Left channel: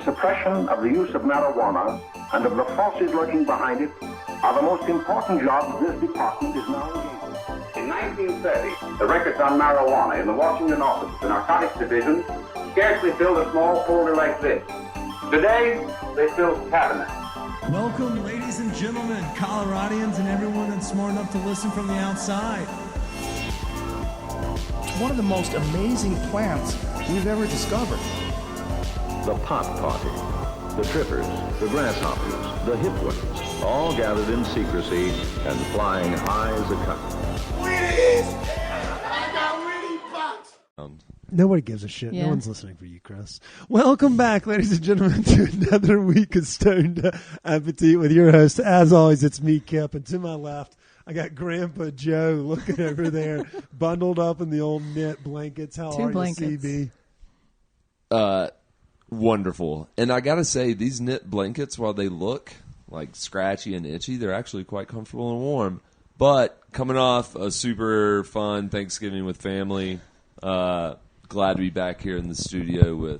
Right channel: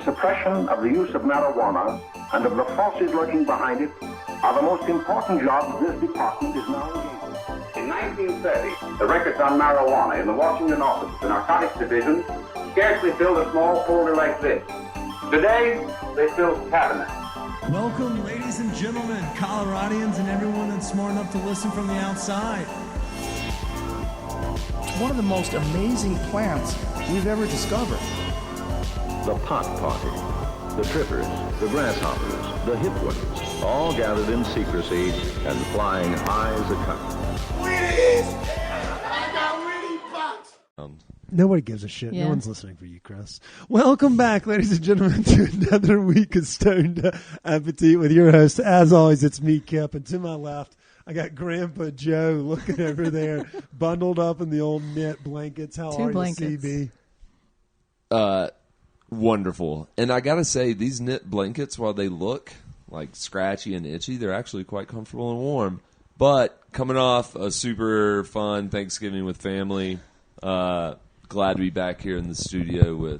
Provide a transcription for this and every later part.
the suppression of the use of marijuana and of the forces lurking behind it are the most important jobs this department is now engaged in. In 1930, the records on marijuana in the Washington office of the Narcotics Division scarcely filled a small folder like this. Today, they fill cabinets. Welcome, ladies and gentlemen, Coloradians, and everyone that's smart enough to listen from the outside. It's one of the most amazing plants we've ever discovered. The pot party, the trippers, the grasshoppers, the hip ones, all gathered in secrecy and flying high as a kite. I got Winnie Bucks. Nobody gives a shit. No one's listening for you, Chris. Welcome back, ladies and gentlemen, to another week of Stoned Appetite with your host. As always, it's me, Kip, and to my left, I got Grandpa Joe looking over there, bundled up in the old knit blankets. How are you, CB? Wonderful. And I got to say, these knit blankets, while they look like scratchy and itchy, they're actually quite comfortable and warm. But coming off a super fun Thanksgiving with family, glad to be back here in the studio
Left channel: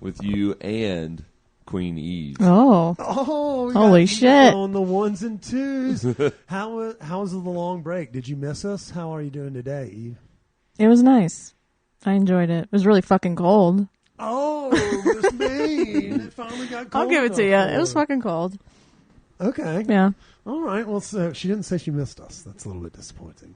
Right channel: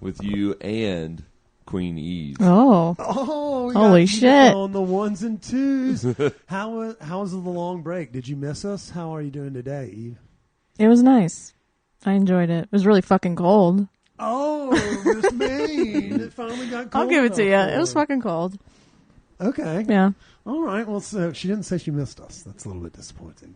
with you and Queen Eve. Oh, we got Evitha on the ones and twos. How was the long break? Did you miss us? How are you doing today, Eve? Oh, Miss Maine. It finally got cold enough for her. Okay. All right. Well, so she didn't say she missed us. That's a little bit disappointing.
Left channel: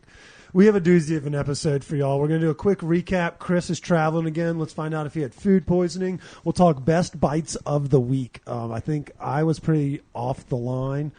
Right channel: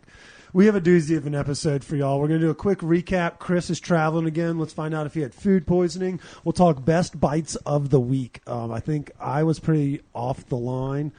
We have a doozy of an episode for y'all. We're going to do a quick recap. Chris is traveling again. Let's find out if he had food poisoning. We'll talk best bites of the week. I think I was pretty offline,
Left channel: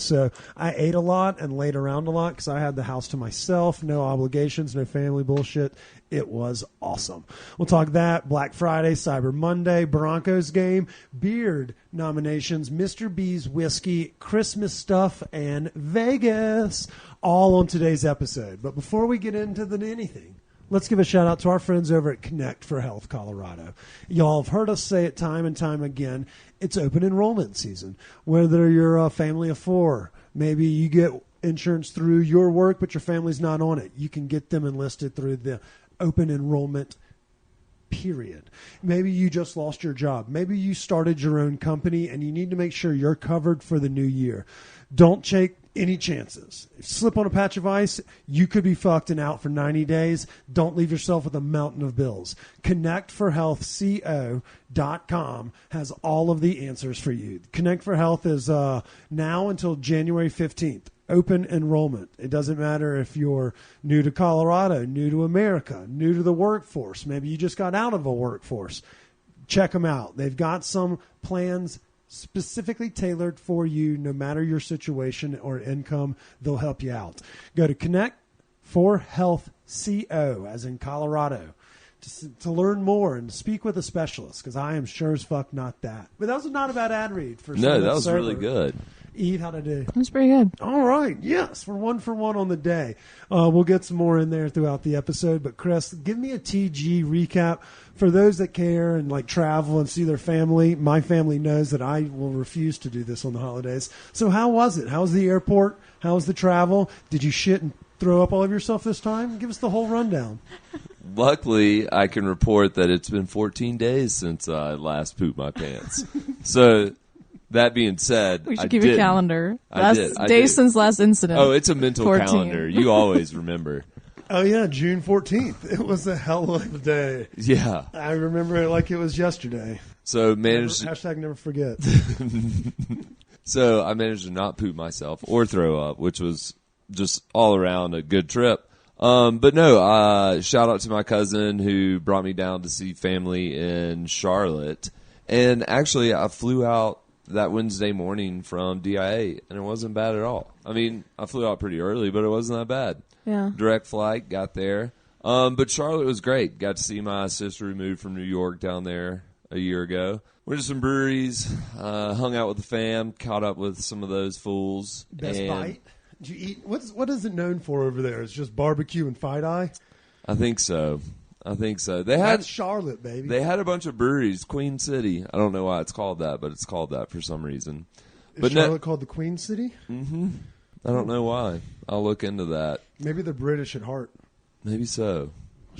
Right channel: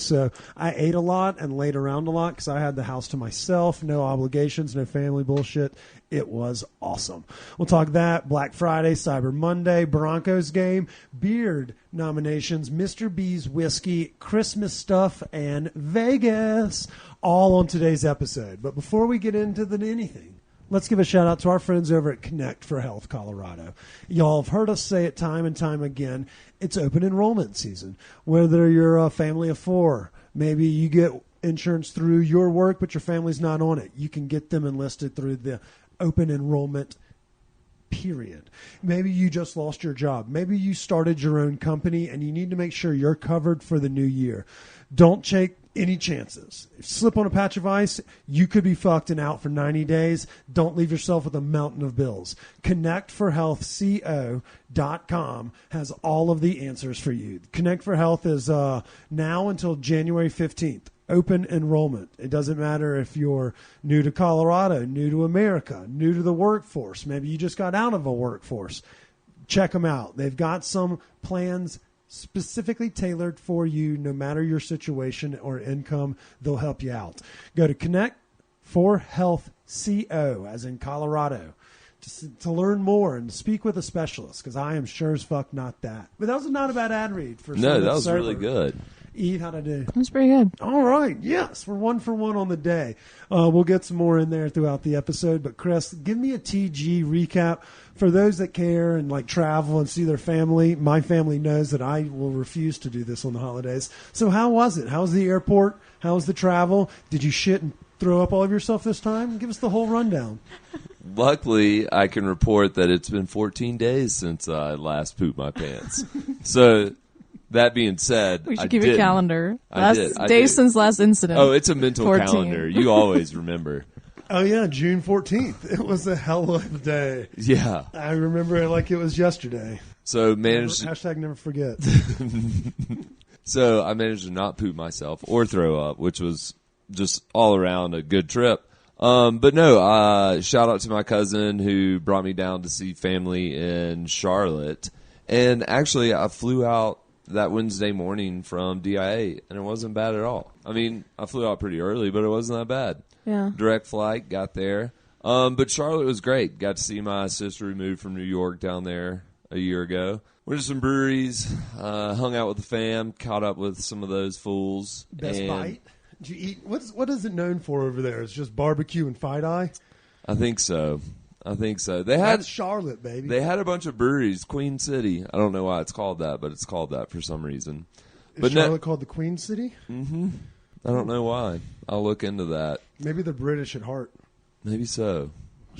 so I ate a lot and laid around a lot because I had the house to myself, no obligations, no family bullshit. It was awesome. We'll talk that, Black Friday, Cyber Monday, Broncos game, beard nominations, Mr. B's whiskey, Christmas stuff, and Vegas, all on today's episode. But before we get into anything, let's give a shout out to our friends over at Connect for Health Colorado. Y'all have heard us say it time and time again. It's open enrollment season. Whether you're a family of four, maybe you get insurance through your work, but your family's not on it. You can get them enlisted through the open enrollment period. Maybe you just lost your job. Maybe you started your own company and you need to make sure you're covered for the new year. Don't take any chances. If you slip on a patch of ice, you could be fucked and out for 90 days. Don't leave yourself with a mountain of bills. ConnectForHealthCO.com has all of the answers for you. Connect for Health is now until January 15th. Open enrollment. It doesn't matter if you're new to Colorado, new to America, new to the workforce. Maybe you just got out of a workforce. Check them out. They've got some plans specifically tailored for you. No matter your situation or income, they'll help you out. Go to Connect for Health CO, as in Colorado, to learn more and speak with a specialist, because I am sure as fuck not that. But that was not a bad ad read for No, that was really good. Eve, how'd I do? All right. Yes, we're 1 for 1 on the day. We'll get some more in there throughout the episode. But Chris, give me a TG recap for those that care and like travel and see their family. My family knows that I will refuse to do this on the holidays. So how was it? How was the airport? How was the travel? Did you shit and throw up all of yourself this time? Give us the whole rundown. Luckily, I can report that it's been 14 days since I last pooped my pants. So that being said, I didn't. I do. Oh, it's a mental calendar. You always remember. Oh, yeah, June 14th. It was a hell of a day. Yeah. I remember it like it was yesterday. So managed. Hashtag never forget. So I managed to not poop myself or throw up, which was just all around a good trip. But no, shout out to my cousin who brought me down to see family in Charlotte. And actually, I flew out that Wednesday morning from DIA, and it wasn't bad at all. I mean, I flew out pretty early, but it wasn't that bad. Direct flight, got there. But Charlotte was great. Got to see my sister who moved from New York down there a year ago. Went to some breweries, hung out with the fam, caught up with some of those fools. Best bite? Did you eat? What is it known for over there? It's just barbecue and fight eye? I think so. That's Charlotte, baby. They had a bunch of breweries. Queen City. I don't know why it's called that, but it's called that for some reason. Is Charlotte called the Queen City? Mm-hmm. I don't know why. I'll look into that. Maybe they're British at heart. Maybe so.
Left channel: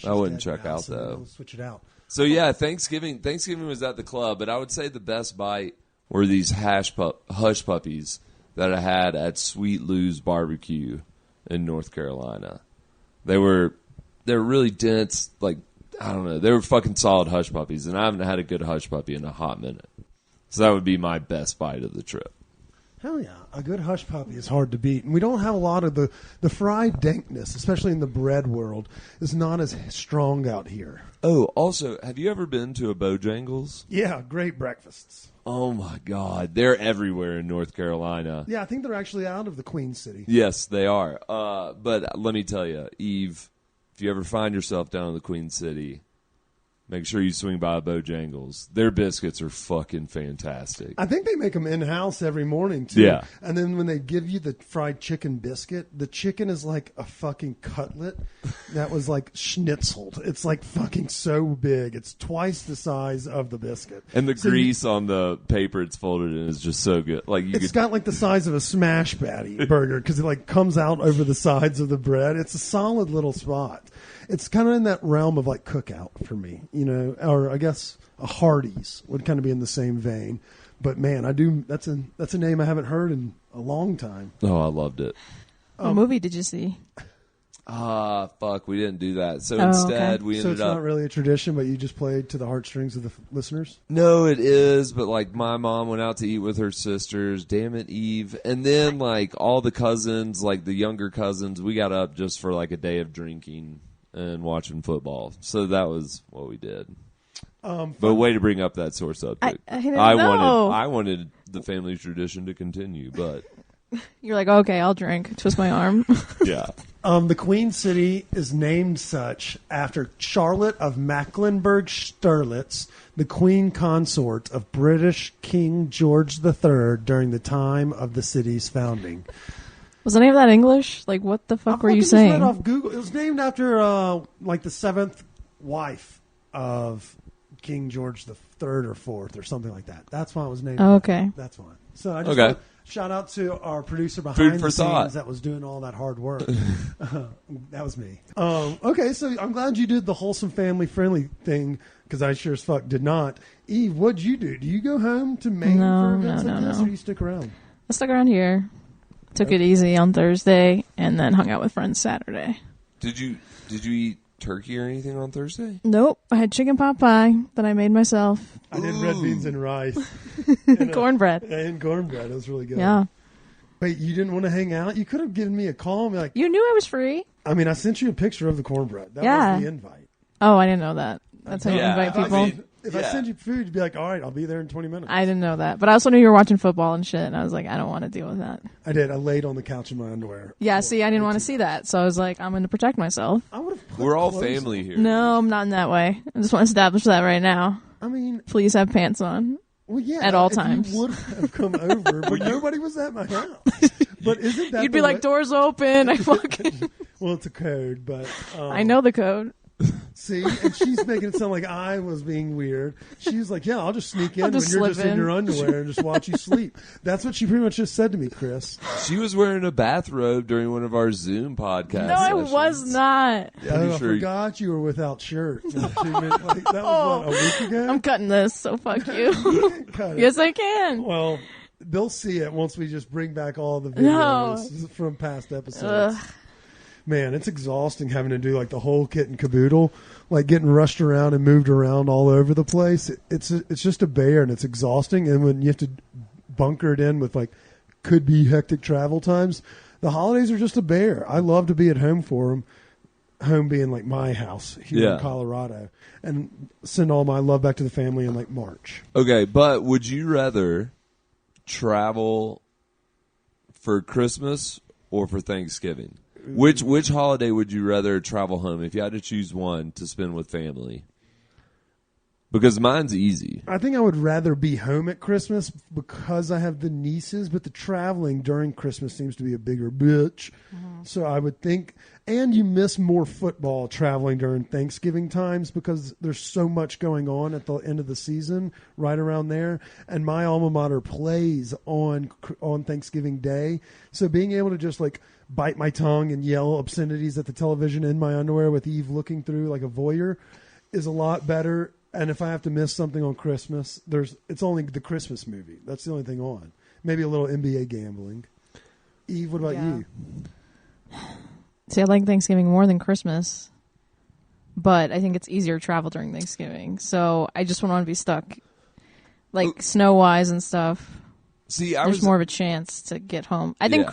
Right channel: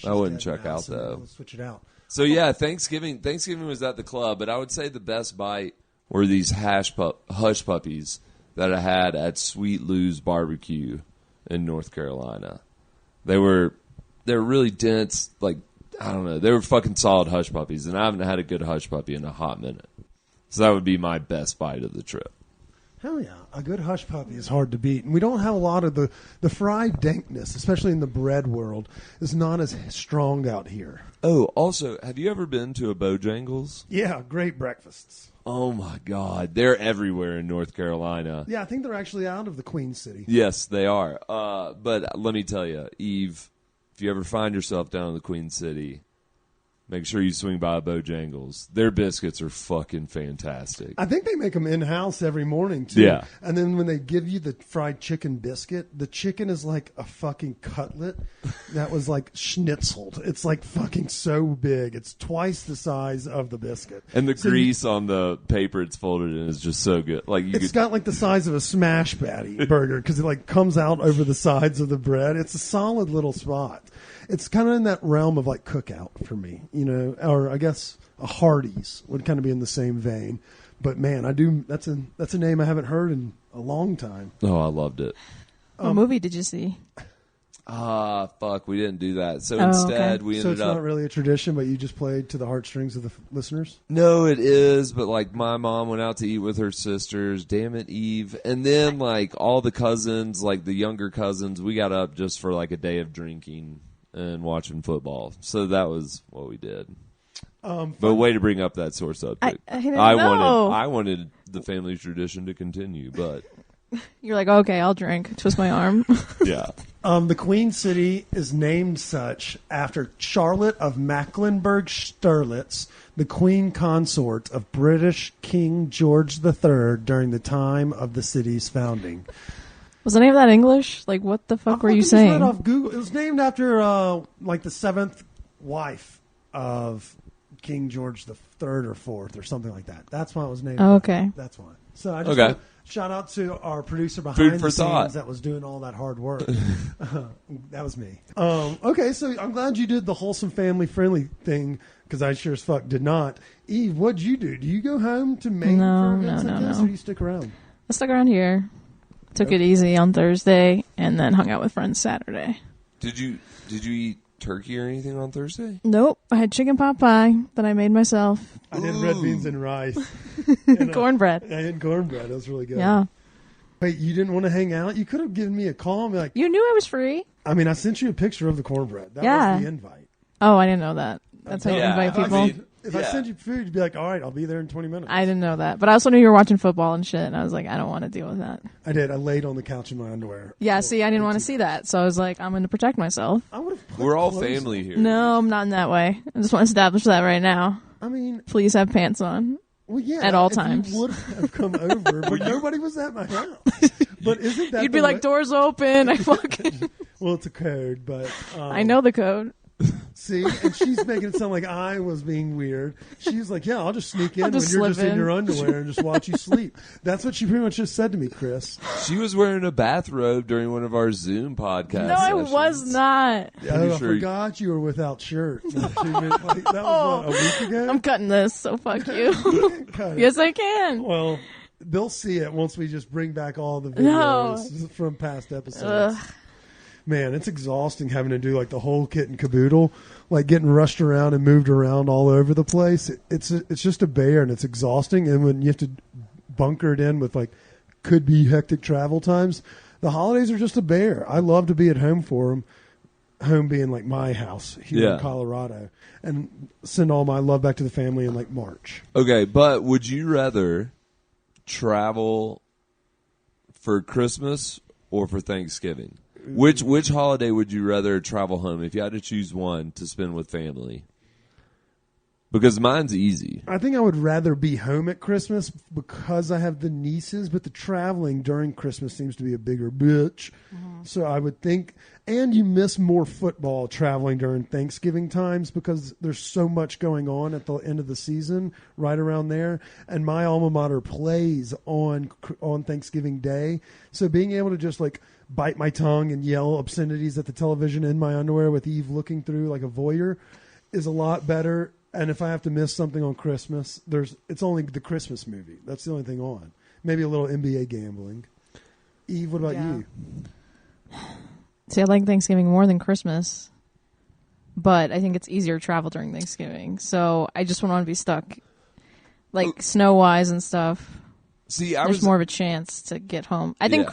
I wouldn't check out, so though. Let's switch it out. So yeah, Thanksgiving was at the club, but I would say the best bite were these hush puppies that I had at Sweet Lou's Barbecue in North Carolina. They're really dense, like, I don't know, they were fucking solid hush puppies, and I haven't had a good hush puppy in a hot minute. So that would be my best bite of the trip. Hell yeah. A good hush puppy is hard to beat. And we don't have a lot of the fried dankness, especially in the bread world, is not as strong out here. Oh, also, have you ever been to a Bojangles? Yeah, great breakfasts. Oh my God. They're everywhere in North Carolina. Yeah, I think they're actually out of the Queen City. Yes, they are. But let me tell you, Eve, if you ever find yourself down in the Queen City, make sure you swing by Bojangles. Their biscuits are fucking fantastic. I think they make them in-house every morning, too. Yeah. And then when they give you the fried chicken biscuit, the chicken is like a fucking cutlet that was like schnitzeled. It's like fucking so big. It's twice the size of the biscuit. And the grease on the paper it's folded in is just so good. Like It's got like the size of a smash patty burger because it like comes out over the sides of the bread. It's a solid little spot. It's kind of in that realm of like Cookout for me, you know, or I guess a Hardee's would kind of be in the same vein. But man, that's a name I haven't heard in a long time. Oh, I loved it. Fuck, we didn't do that. So instead, we So ended it's up. not really a tradition, but you just played to the heartstrings of the listeners? No, it is, but like my mom went out to eat with her sisters. Damn it, Eve. And then like all the cousins, like the younger cousins, we got up just for like a day of drinking and watching football. So that was what we did. But way to bring up that sore subject. I wanted the family tradition to continue, but yeah. The Queen City is named such after Charlotte of Mecklenburg-Strelitz, the Queen Consort of British King George III during the time of the city's founding. I fucking just read off Google. It was named after like the seventh wife of King George the Third or Fourth or something like that. That's why it was named after. That's why. So I just Okay. shout out to our producer Food behind for the thought. scenes that was doing all that hard work. That was me. Okay, so I'm glad you did the wholesome family friendly thing because I sure as fuck did not. Eve, what'd you do? Do you go home to Maine for events like this, or do you stick around? Okay. Did you eat turkey or anything on Thursday? I did red beans and rice and cornbread. It was really good. Wait, you didn't want to hang out? You could have given me a call and be like, I mean, I sent you a picture of the cornbread. That was the invite. Yeah, If I send you food, you'd be like, all right, I'll be there in 20 minutes. I did. I laid on the couch in my underwear for 18 hours. I would have put We're all clothes family on. here, Eve. I mean, well, yeah, if you would have come over, but nobody was at my house. But isn't that the way? Well, it's a code, but see, and she's making it sound like I was being weird. She's like, yeah, I'll just sneak in when you're just in your underwear and just watch you sleep. That's what she pretty much just said to me, Chris. She was wearing a bathrobe during one of our Zoom podcast sessions. Yeah, I sure- forgot you were without shirt. Not 2 minutes. Like that was what, a week ago? No, you can't cut it. Well, they'll see it once we just bring back all the videos from past episodes. Man, it's exhausting having to do like the whole kit and caboodle, like getting rushed around and moved around all over the place. It's just a bear and it's exhausting. And when you have to bunker it in with like could be hectic travel times, the holidays are just a bear. I love to be at home for them. Home being like my house here in Colorado, and send all my love back to the family in like March. Okay, but would you rather travel for Christmas or for Thanksgiving? Which holiday would you rather travel home if you had to choose one to spend with family? Because mine's easy. I think I would rather be home at Christmas because I have the nieces, but the traveling during Christmas seems to be a bigger bitch. So I would think, and you miss more football traveling during Thanksgiving times because there's so much going on at the end of the season right around there. And my alma mater plays on Thanksgiving Day. So being able to just like bite my tongue and yell obscenities at the television in my underwear with Eve looking through like a voyeur is a lot better And if I have to miss something on Christmas, it's only the Christmas movie. That's the only thing on. Maybe a little NBA gambling. Eve, what about you? Oh. See, I was... Yeah.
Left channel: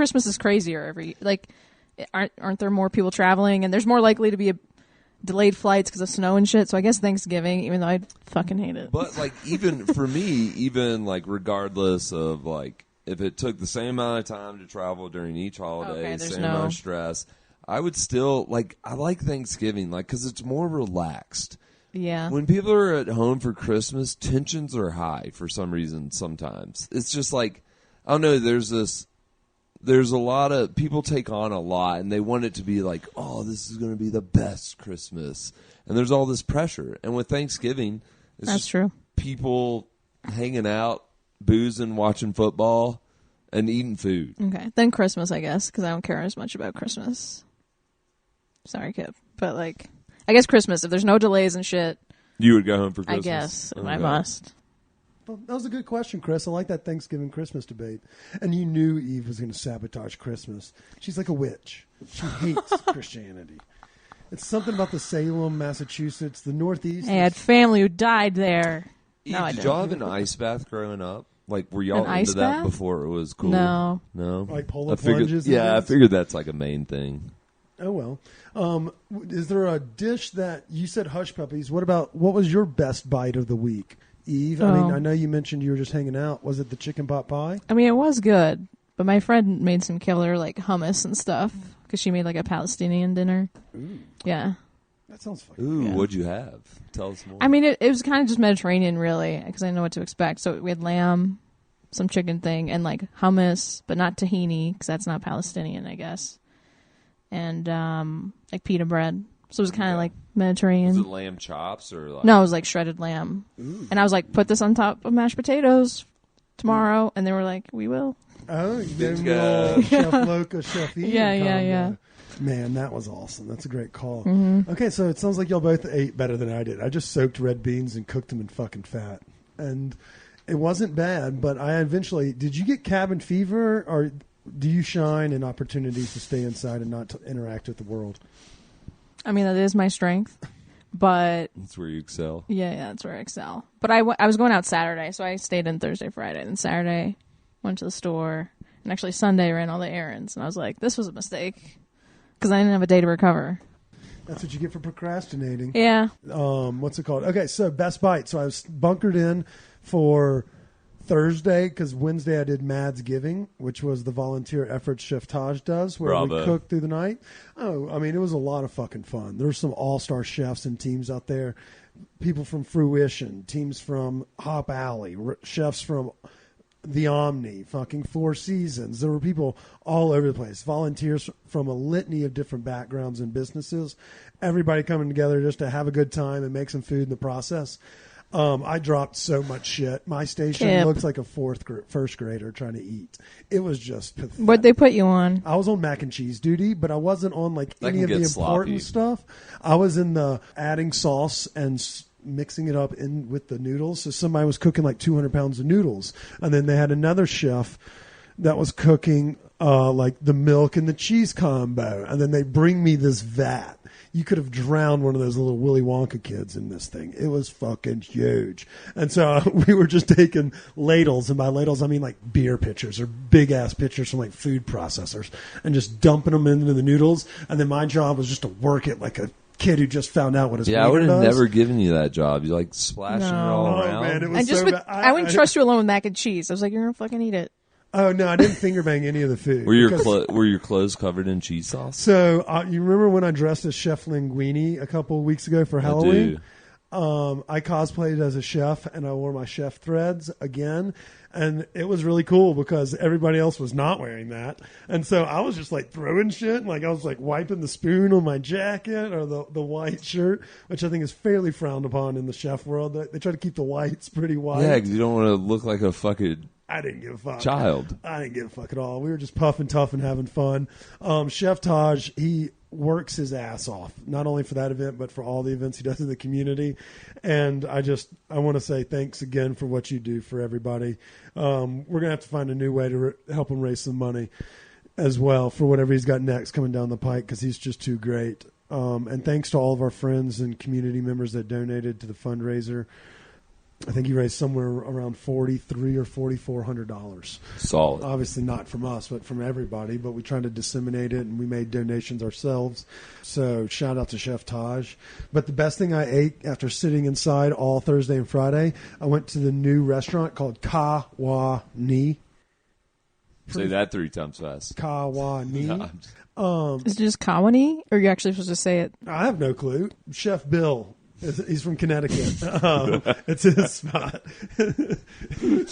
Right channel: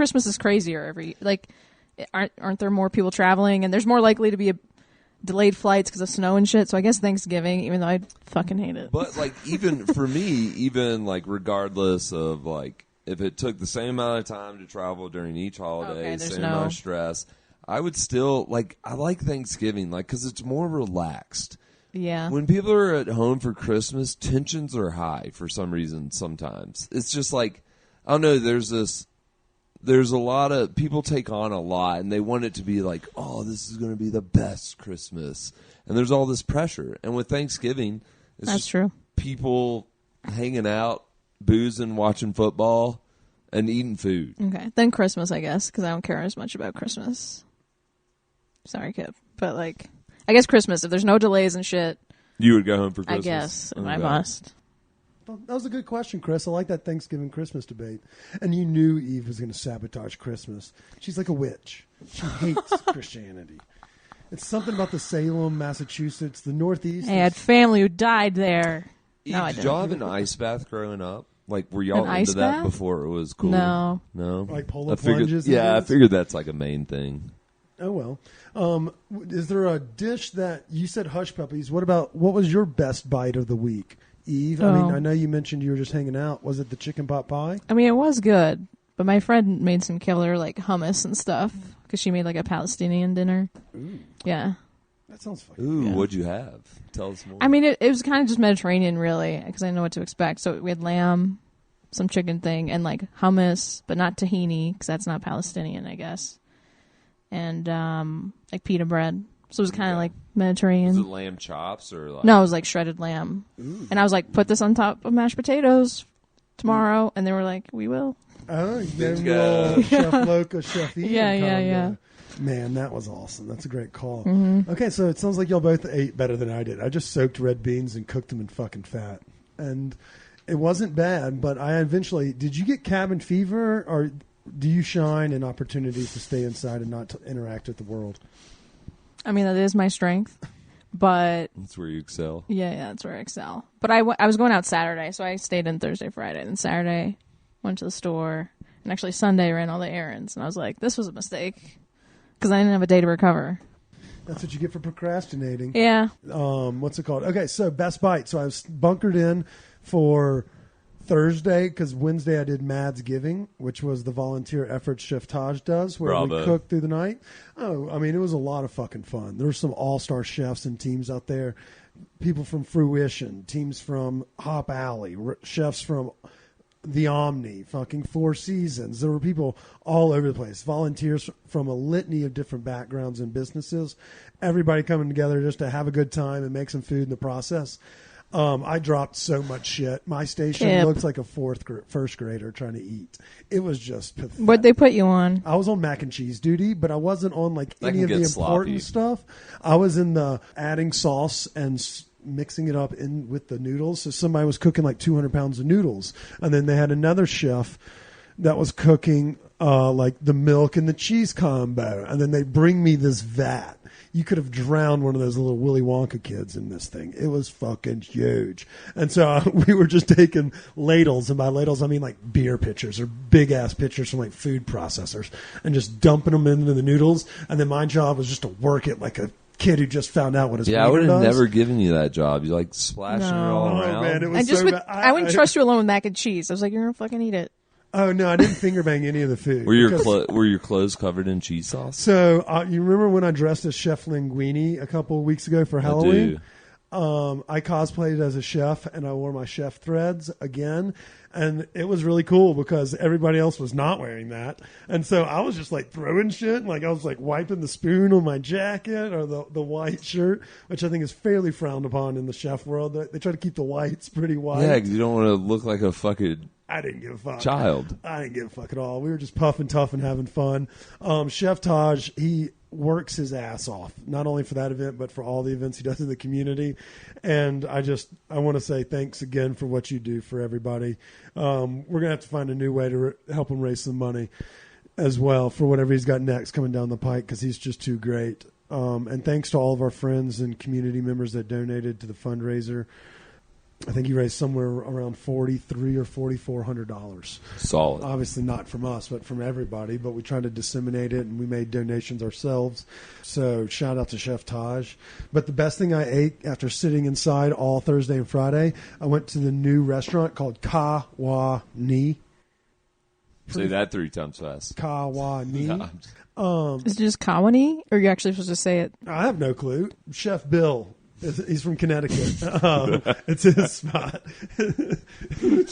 But, like, even for me, even, like, regardless of, like, if it took the same amount of time to travel during each holiday, same amount of stress, I would still, like, I like Thanksgiving, like, because it's more relaxed. When people are at home for Christmas, tensions are high for some reason sometimes. It's just like, I don't know, there's a lot of, people take on a lot, and they want it to be like, oh, this is going to be the best Christmas. And there's all this pressure. And with Thanksgiving, it's just people hanging out, boozing, watching football, and eating food. You would go home for Christmas? Okay. Well, that was a good question, Chris. I like that Thanksgiving Christmas debate. And you knew Eve was going to sabotage Christmas. She's like a witch. She hates Christianity. It's something about the Salem, Massachusetts, the Northeast. Eve, did y'all have an ice bath growing up? Like, were y'all into that before it was cool? No? Like polar plunges? Yeah, I figured that's like a main thing. Oh, well. Is there a dish that you said hush puppies? What was your best bite of the week, Eve? I mean, I know you mentioned you were just hanging out. Was it the chicken pot pie? Ooh. That sounds fun. Ooh, what'd you have? Tell us more. Okay. Was it lamb chops or like? Ooh. Oh, you gave me a little Chef Loca, Chef Ian combo. Man, that was awesome. That's a great call. Okay, so it sounds like y'all both ate better than I did. I just soaked red beans and cooked them in fucking fat. And it wasn't bad, but I eventually... Did you get cabin fever, or do you shine in opportunities to stay inside and not to interact with the world? That's where you excel. That's what you get for procrastinating. What's it called? Okay, so best bite. So I was bunkered in for Thursday because Wednesday I did Mads Giving, which was the volunteer effort Chef Taj does, where we cook through the night. Oh, I mean, it was a lot of fucking fun. There were some all-star chefs and teams out there, people from Fruition, teams from Hop Alley, chefs from the Omni, fucking Four Seasons. There were people all over the place, volunteers from a litany of different backgrounds and businesses, everybody coming together just to have a good time and make some food in the process. I dropped so much shit. My station looked like a first grader trying to eat. It was just pathetic. I was on mac and cheese duty, but I wasn't on like any of the important stuff. I was in the adding sauce and mixing it up in with the noodles. So somebody was cooking like 200 pounds of noodles, and then they had another chef that was cooking like the milk and the cheese combo, and then they bring me this vat. You could have drowned one of those little Willy Wonka kids in this thing. It was fucking huge. And so we were just taking ladles, and by ladles I mean like beer pitchers or big ass pitchers from like food processors, and just dumping them into the noodles. And then my job was just to work it like a kid who just found out what his I would have does. Never given you that job. You like splashing it all around. Oh man, it was so bad. Oh no, I didn't finger bang any of the food. Were your clothes covered in cheese sauce? So you remember when I dressed as Chef Linguini a couple of weeks ago for Halloween? I cosplayed as a chef, and I wore my chef threads again, and it was really cool because everybody else was not wearing that, and so I was just like throwing shit, and like I was like wiping the spoon on my jacket or the white shirt, which I think is fairly frowned upon in the chef world. They try to keep the whites pretty white. Yeah, because you don't want to look like a fucking... I didn't give a fuck. Child. I didn't give a fuck at all. We were just puffing tough and having fun. Chef Taj, he works his ass off, not only for that event, but for all the events he does in the community. And I want to say thanks again for what you do for everybody. We're going to have to find a new way to help him raise some money as well for whatever he's got next coming down the pike, because he's just too great. And thanks to all of our friends and community members that donated to the fundraiser. I think he raised somewhere around $4,300 or $4,400. Solid. Obviously not from us, but from everybody. But we tried to disseminate it, and we made donations ourselves. So shout out to Chef Taj. But the best thing I ate after sitting inside all Thursday and Friday, I went to the new restaurant called Ka Wa Ni. Say that 3 times fast. Ka Wa Ni. No, I'm just- I have no clue. Chef Bill. He's from Connecticut. It's his spot. You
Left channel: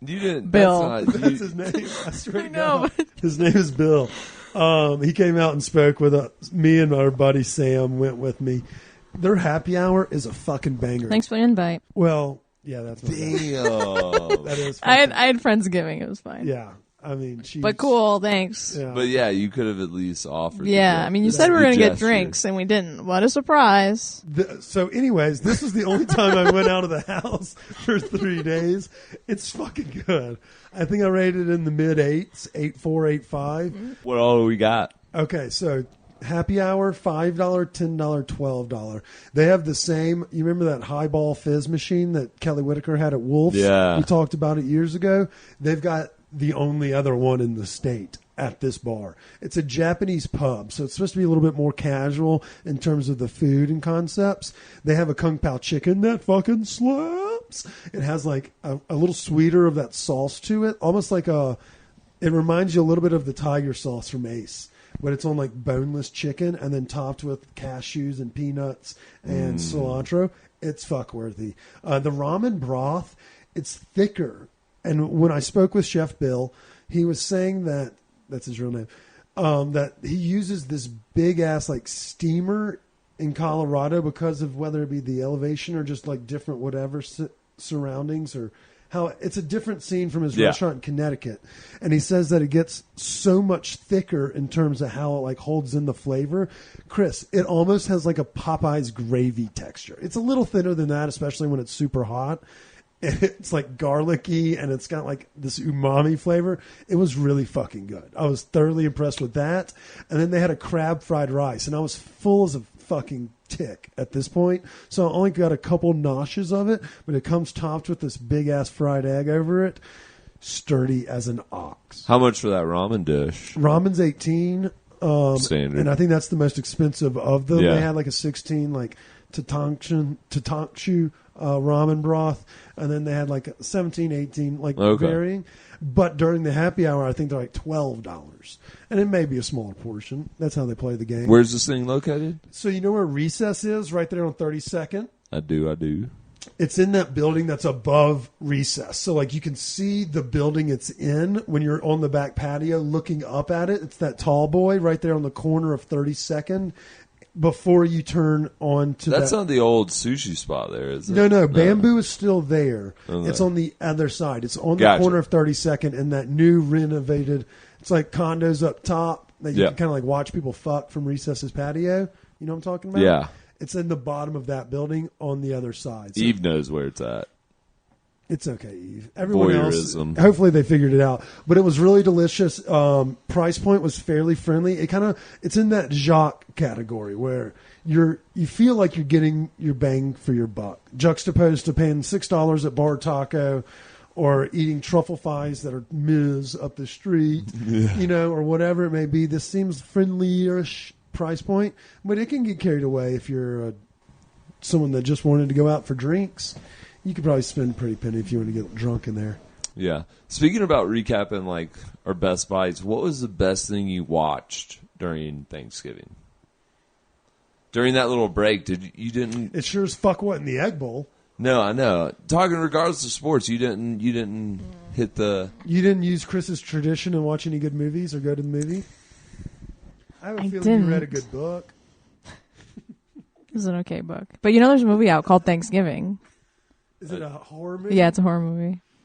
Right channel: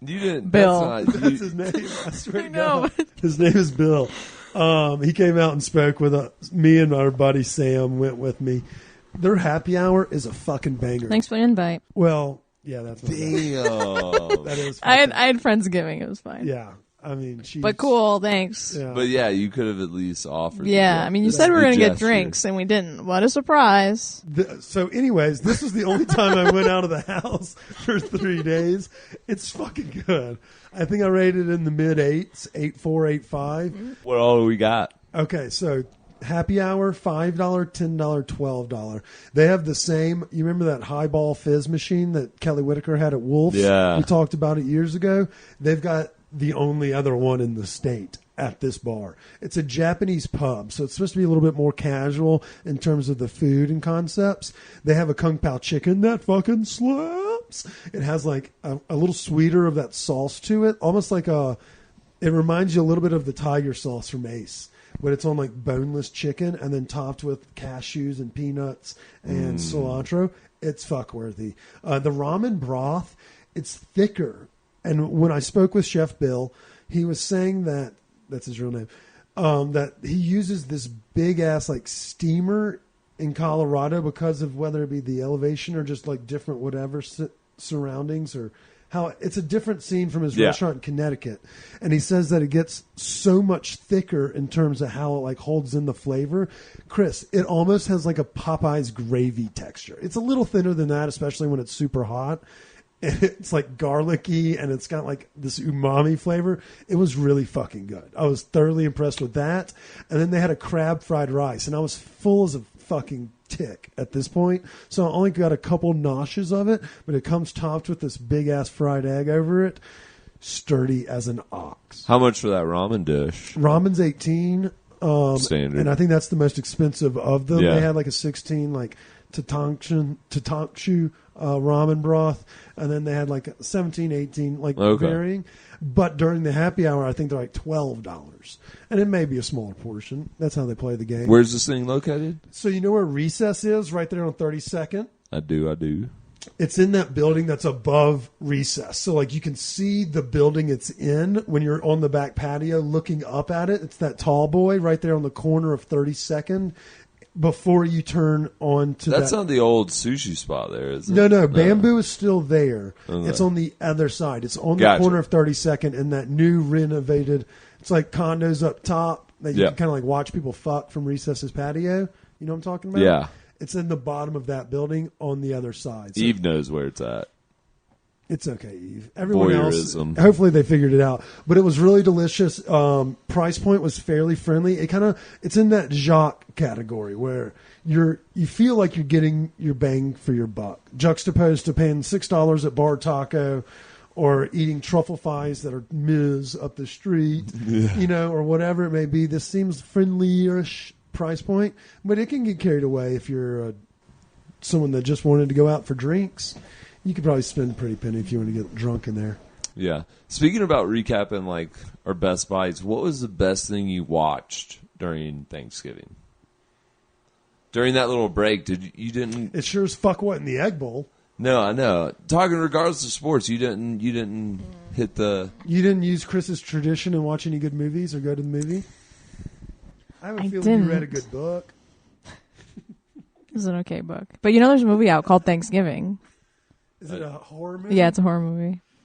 didn't. That's not. That's his name. I swear to God, his name is Bill. He came out and spoke with us. Me and our buddy Sam went with me. Their happy hour is a fucking banger. Well, yeah, that's my bad. Damn. That is fucked up. Yeah, I mean she's. Yeah, But yeah, you could have at least offered the gesture. So anyways, this was the only time I went out of the house for 3 days. It's fucking good. I think I rated in the mid 8s, 8.4, 8.5. What all do we got? Okay, so happy hour, $5, $10, $12. They have the same. You remember that highball fizz machine that Kelly Whitaker had at Wolf's? Yeah. We talked about it years ago. They've got the only other one in the state at this bar. It's a Japanese pub, so it's supposed to be a little bit more casual in terms of the food and concepts. They have a Kung Pao chicken that fucking slaps. It has like a little sweeter of that sauce to it, almost like it reminds you a little bit of the tiger sauce from Ace, but it's on like boneless chicken and then topped with cashews and peanuts and cilantro. It's fuckworthy. The ramen broth, it's thicker. And when I spoke with Chef Bill, he was saying that's his real name, that he uses this big ass like steamer in Colorado because of whether it be the elevation or just like different whatever surroundings, or how it's a different scene from his restaurant in Connecticut. And he says that it gets so much thicker in terms of how it like holds in the flavor. Chris, it almost has like a Popeye's gravy texture. It's a little thinner than that, especially when it's super hot. It's like garlicky and it's got like this umami flavor. It was really fucking good. I was thoroughly impressed with that. And then they had a crab fried rice, and I was full as a fucking tick at this point. So I only got a couple noshes of it, but it comes topped with this big ass fried egg over it. Sturdy as an ox. How much for that ramen dish? Ramen's 18. Standard. And I think that's the most expensive of them. Yeah. They had like a 16 like Tatankshu ramen broth, and then they had like 17, 18 like varying. But during the happy hour, I think they're like $12, and it may be a smaller portion. That's how they play the game. Where's this thing located? So you know where Recess is? Right there on 32nd. I do. It's in that building that's above Recess. So like you can see the building it's in when you're on the back patio looking up at it. It's that tall boy right there on the corner of 32nd before you turn on to That's that. not the old sushi spot there, is it? No. Bamboo is still there. Okay. It's on the other side. It's on the Gotcha. corner of 32nd and that new renovated, it's like condos up top that you can kind of like watch people fuck from Recess's patio. You know what I'm talking about? Yeah. It's in the bottom of that building on the other side. So Eve knows where it's at. it's okay, Eve. Everyone Voyeurism. else, hopefully they figured it out. But it was really delicious. Price point was fairly friendly. It's in that Jacques category where you feel like you're getting your bang for your buck, juxtaposed to paying $6 at Bar Taco or eating truffle fries that are Ms. up the street, or whatever it may be. This seems friendly-ish price point, but it can get carried away if you're someone that just wanted to go out for drinks. You could probably spend a pretty penny if you want to get drunk in there. Yeah. Speaking about recapping like our best bites, what was the best thing you watched during Thanksgiving? During that little break, you didn't? It sure as fuck wasn't the Egg Bowl. No, I know. Talking regardless of sports, you didn't hit the. You didn't use Chris's tradition and watch any good movies or go to the movie. I have a feeling you read a good book. Is it a horror movie?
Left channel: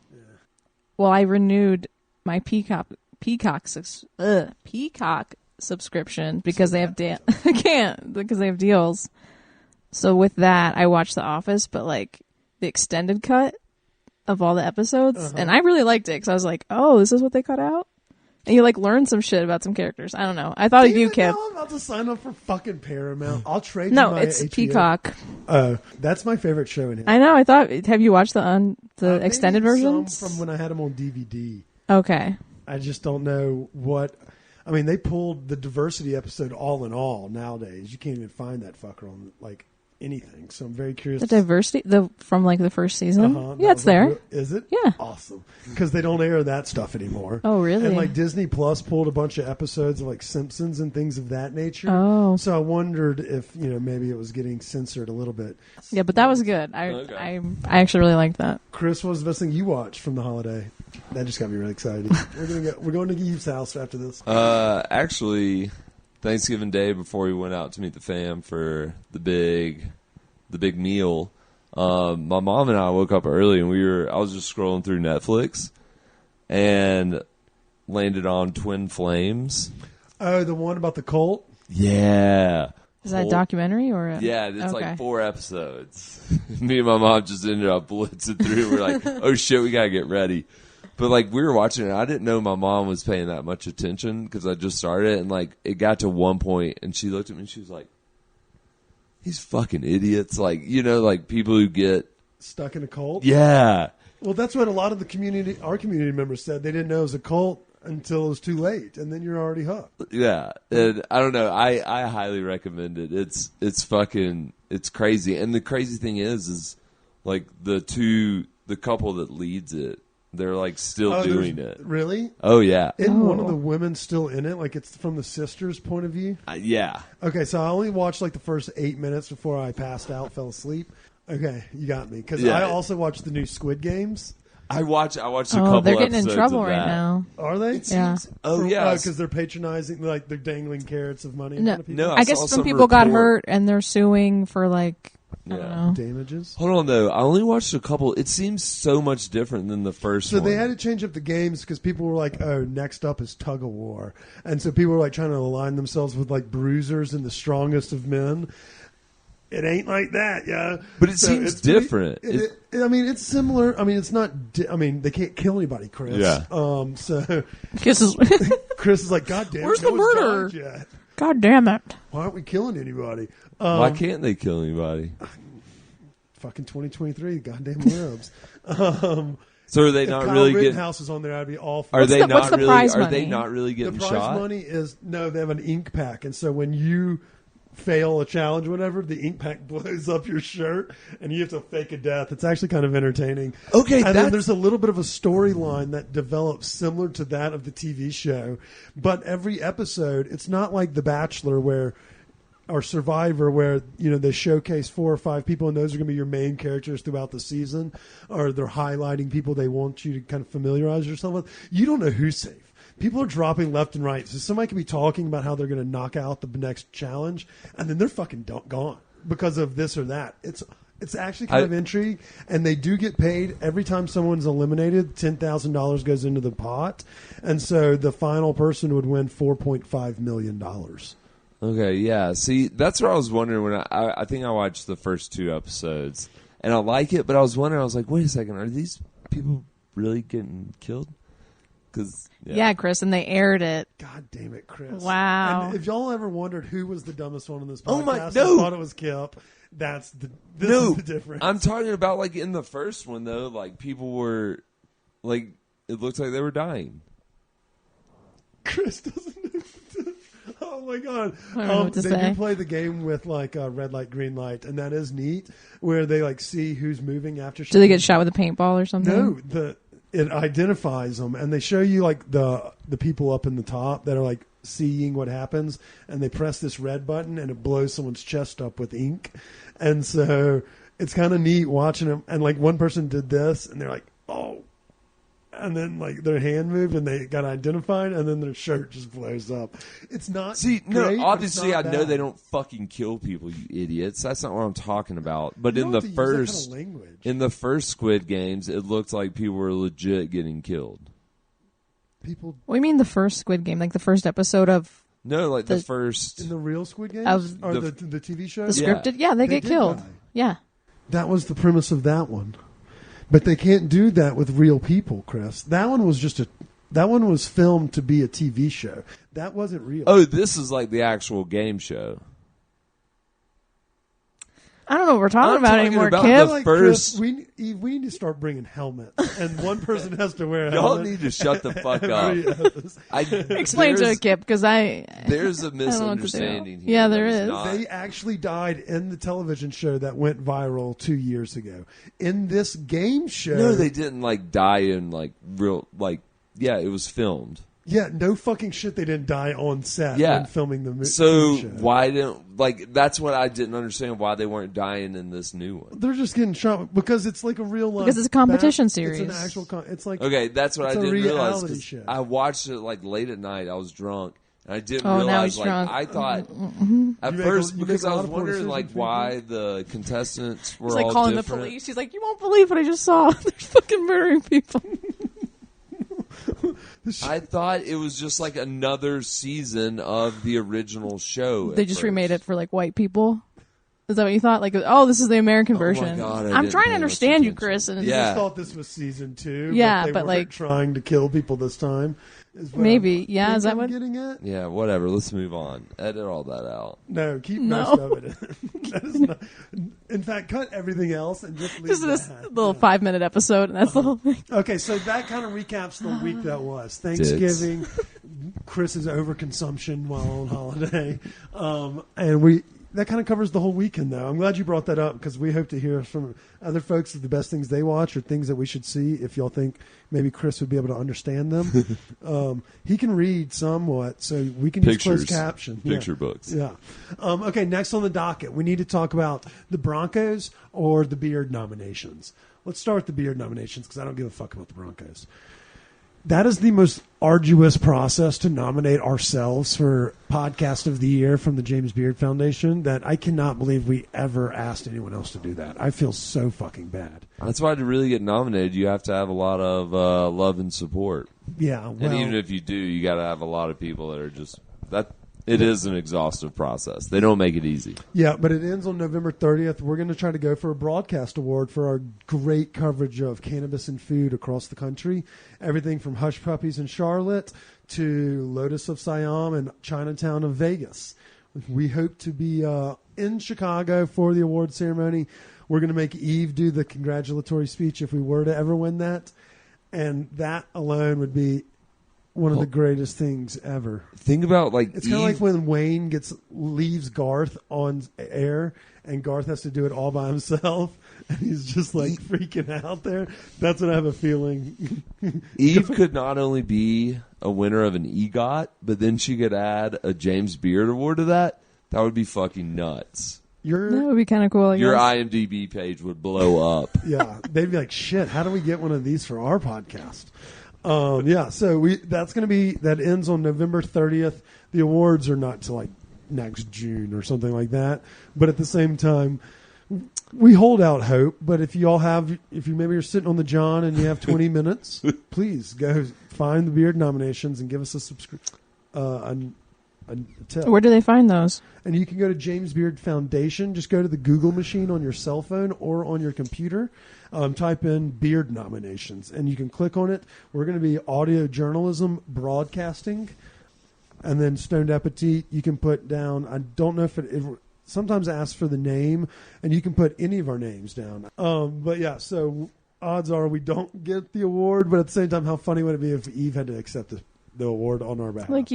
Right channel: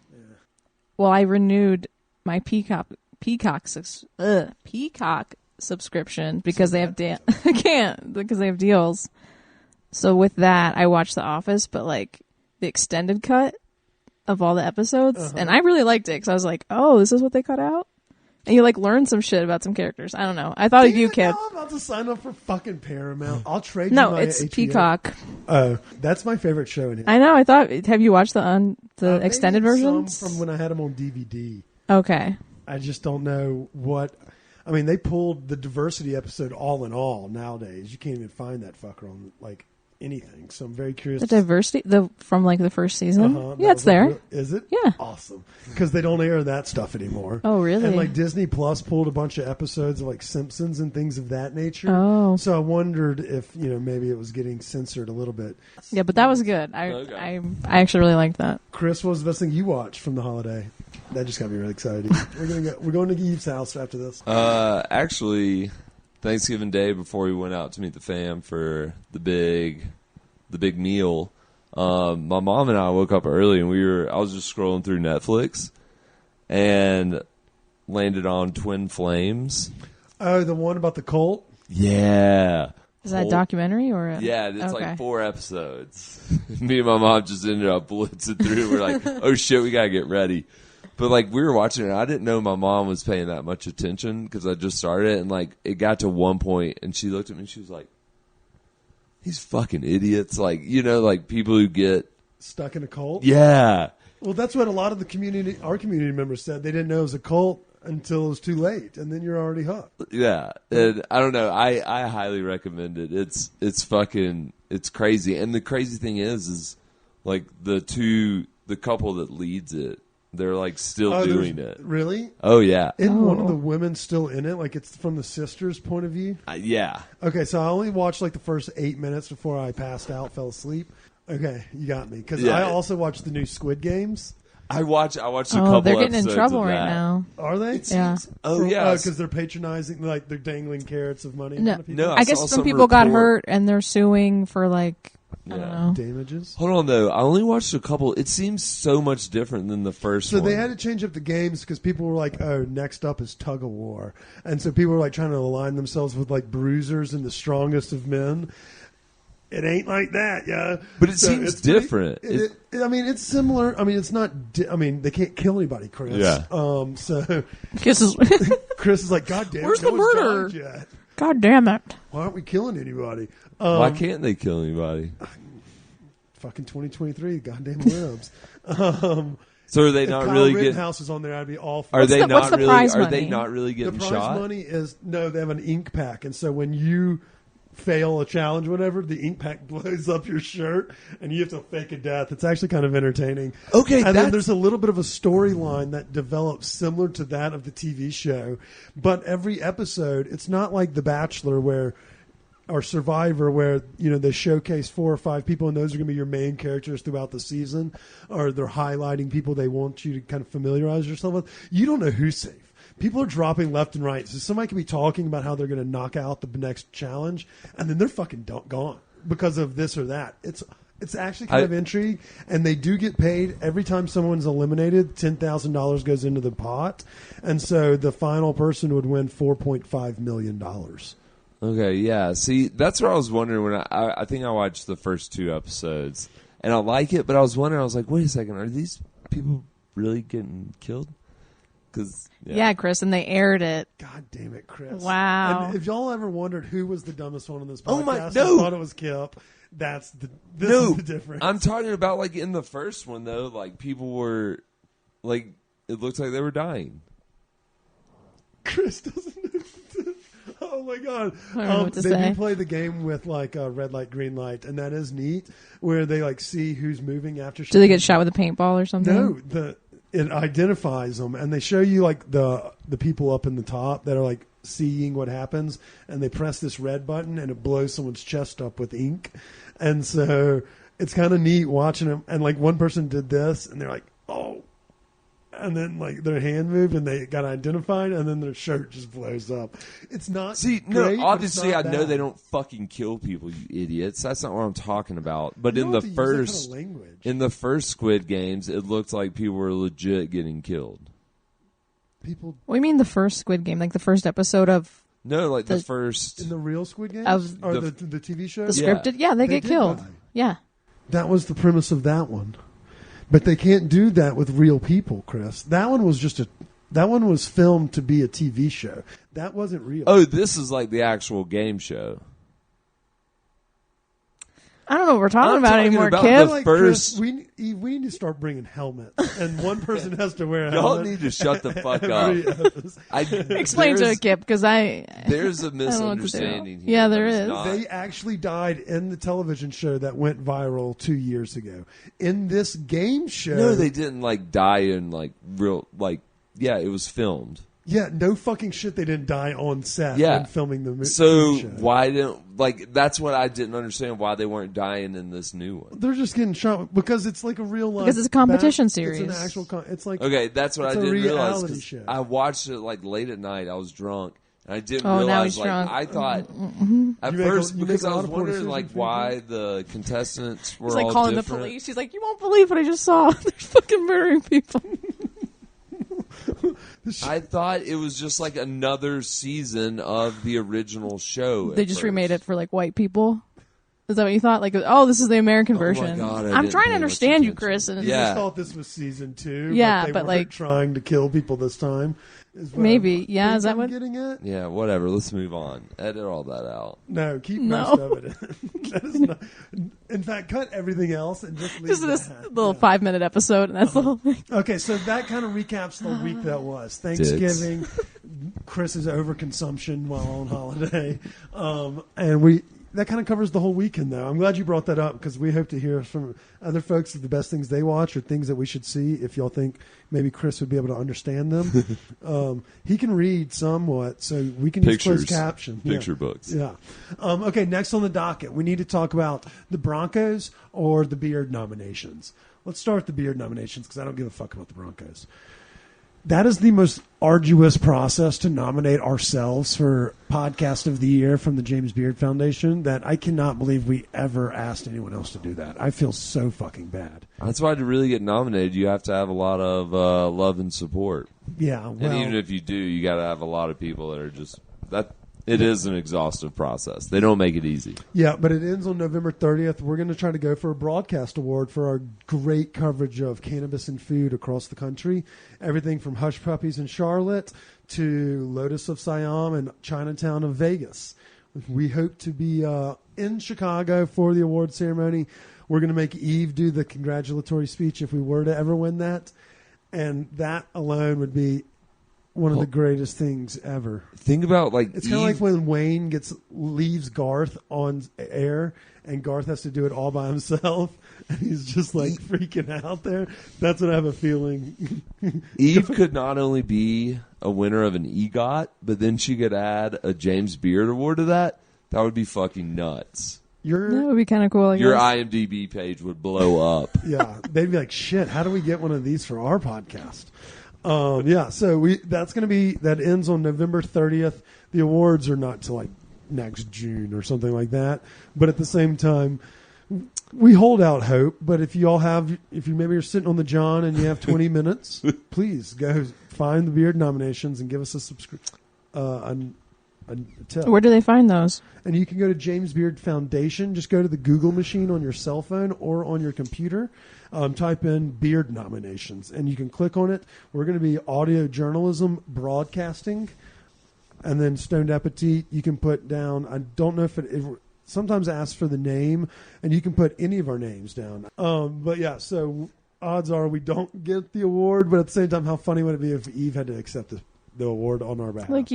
Yeah. say that 10 times. Uh-huh. Damn it, now I'm about to sign up for fucking Paramount. I'll trade you my HBO. That's my favorite show in history. Maybe in some from when I had them on DVD. I just don't know what... I mean, they pulled the diversity episode all in all nowadays. You can't even find that fucker on, like, anything. So I'm very curious. That was like, real. Is it? Awesome. Because they don't air that stuff anymore. And, like, Disney Plus pulled a bunch of episodes of, like, Simpsons and things of that nature. So I wondered if, maybe it was getting censored a little bit. Okay. Chris, what was the best thing you watched from the holiday? That just got me really excited. We're going to Eve's house after this. Actually, Thanksgiving Day before we went out to meet the fam for the big meal, my mom and I woke up early and I was just scrolling through Netflix and landed on Twin Flames. Oh, the one about the cult? Yeah. Yeah, it's like 4 episodes. Me and my mom just ended up blitzing through. We're like, oh shit, we gotta get ready. But like we were watching it, I didn't know my mom was paying that much attention because I just started it, and like it got to one point, and she looked at me and she was like, "These fucking idiots!" Like like people who get stuck in a cult. Yeah. Well, that's what a lot of our community members said. They didn't know it was a cult until it was too late, and then you're already hooked. Yeah, and I don't know. I highly recommend it. It's crazy, and the crazy thing is like the couple that leads it, they're like still doing it. Really? Oh yeah. Isn't one of the women still in it? Like it's from the sister's point of view? Yeah. Okay, so I only watched like the first 8 minutes before I passed out, fell asleep. Okay, you got me. Because I also watched the new Squid Games. I watched a couple episodes of that. Are they? It seems. Oh yeah, because they're patronizing, like they're dangling carrots of money in front of people. No, I saw some report. Yeah. Damages. Hold on though, I only watched a couple. It seems so much different than the first one. So they had to change up the games because people were like, "Oh, next up is tug of war," and so people were like trying to align themselves with like bruisers and the strongest of men. It ain't like that, yeah. But it seems different. I mean, it's similar. I mean, it's not. I mean, they can't kill anybody, Chris. Yeah. So Chris is like, God damn it, no one's died yet. Why aren't we killing anybody? Why can't they kill anybody? Fucking 2023, goddamn libs. So are they not Kyle really getting? Rittenhouse is on there. I'd be all for Are it. they not really? Are they not really getting The prize shot? money is no. They have an ink pack, and so when you fail a challenge, whatever, the ink pack blows up your shirt, and you have to fake a death. It's actually kind of entertaining. Okay, and then there's a little bit of a storyline that develops similar to that of the TV show, but every episode, it's not like The Bachelor or Survivor, where they showcase 4 or 5 people, and those are going to be your main characters throughout the season, or they're highlighting people they want you to kind of familiarize yourself with. You don't know who's safe. People are dropping left and right. So somebody could be talking about how they're going to knock out the next challenge, and then they're fucking gone because of this or that. It's actually kind of intrigue, and they do get paid every time someone's eliminated. $10,000 goes into the pot, and so the final person would win $4.5 million. Okay, yeah. See, that's what I was wondering when I think I watched the first 2 episodes, and I like it, but I was wondering, I was like, wait a second, are these people really getting killed? Because, yeah. God damn it, Chris. And if y'all ever wondered who was the dumbest one on this podcast, Oh my- I no. thought it was Kip. This No, is the difference. I'm talking about like in the first one though, like people were, like it looks like they were dying. Chris doesn't know the difference. Oh my god. They do play the game with like red light, green light, and that is neat, where they like see who's moving after she turns it. No, it identifies them, and they show you like the people up in the top that are like seeing what happens, and they press this red button, and it blows someone's chest up with ink, and so it's kind of neat watching them. And like one person did this, and they're like, oh, and then like their hand moved, and they got identified, and then their shirt just blows up. It's not See, great, no, but it's obviously I not know bad. they don't fucking kill people, you idiots. That's not what I'm talking about. But You in don't the have to use that kind of first, language. in the first Squid Games, it looked like people were legit getting killed. People. No, like the first. In the real Squid Games? Or The- the TV show? Yeah. They did die. That was the premise of that one. But they can't do that with real people, Chris. That one was filmed to be a TV show. That wasn't real. Oh, this is like the actual game show. I'm talking about I feel the like, first. Chris, we need to start bringing helmets, and one person has to wear a Y'all helmet. need to shut the fuck every up. episode. There's a misunderstanding here that is not. They actually died in the television show that went viral 2 years ago. In this game show, No, they didn't like die in like real like. Yeah, it was filmed. Yeah, no fucking shit. They didn't die on set Yeah. when filming the movie. So show. why didn't like? That's what I didn't understand. Why they weren't dying in this new one. They're just getting shot because it's like a real life bat. It's an actual. It's like Okay, that's what I It's a didn't realize. reality 'Cause show. I watched it like late at night. I was drunk, and I didn't realize. Like I thought at You make a- first you because make a I lot was of poor wondering like decisions, why the contestants were all different. I thought it was just like another season of the original show at first. Oh my god, I didn't pay much attention. He Yeah. just thought this was season 2, but they weren't trying to kill people this time. Is what I think I'm getting at. Yeah, whatever. Let's move on. Edit all that out. No, keep most of it. That is not. In fact, cut everything else and just leave that. Yeah. Okay, so that kind of recaps the week that was Thanksgiving. Chris's overconsumption while on holiday, and that kind of covers the whole weekend. Though I'm glad you brought that up because we hope to hear from other folks of the best things they watch or things that we should see. If y'all think maybe Chris would be able to understand them, he can read somewhat, so we can use Pictures. closed caption, Picture books. Yeah. Okay. Next on the docket, we need to talk about the Broncos or the Beard nominations. Let's start with the Beard nominations because I don't give a fuck about the Broncos. That is the most arduous process to nominate ourselves for Podcast of the Year from the James Beard Foundation that I cannot believe we ever asked anyone else to do that. I feel so fucking bad. That's why to really get nominated, you have to have a lot of love and support. Yeah, well, And even if you do, you got to have a lot of people that are just that. It is an exhaustive process. They don't make it easy. yeah, but it ends on November 30th. We're going to try to go for a broadcast award for our great coverage of cannabis and food across the country. Everything from Hush Puppies in Charlotte to Lotus of Siam and Chinatown of Vegas. We hope to be in Chicago for the award ceremony. We're going to make Eve do the congratulatory speech if we were to ever win that. And that alone would be one of the greatest things ever. Think about like It's kind of like when Wayne leaves Garth on air, and Garth has to do it all by himself, and he's just like freaking out there. That's what I have a feeling. Eve could not only be a winner of an EGOT, but then she could add a James Beard Award to that. That would be fucking nuts. Your IMDb page would blow up. Yeah, they'd be like, shit, how do we get one of these for our podcast? Yeah, so that ends on November 30th. The awards are not till like next June or something like that. But at the same time, we hold out hope. But if you maybe you're sitting on the John and you have 20 minutes, please go find the Beard nominations and give us a tip. And you can go to James Beard Foundation. Just go to the Google machine on your cell phone or on your computer. Type in Beard nominations, and you can click on it. We're going to be audio journalism broadcasting. And then Stoned Appetit, you can put down, I don't know if it sometimes asks for the name, and you can put any of our names down. But yeah, so odds are we don't get the award, but at the same time, how funny would it be if Eve had to accept the award on our behalf?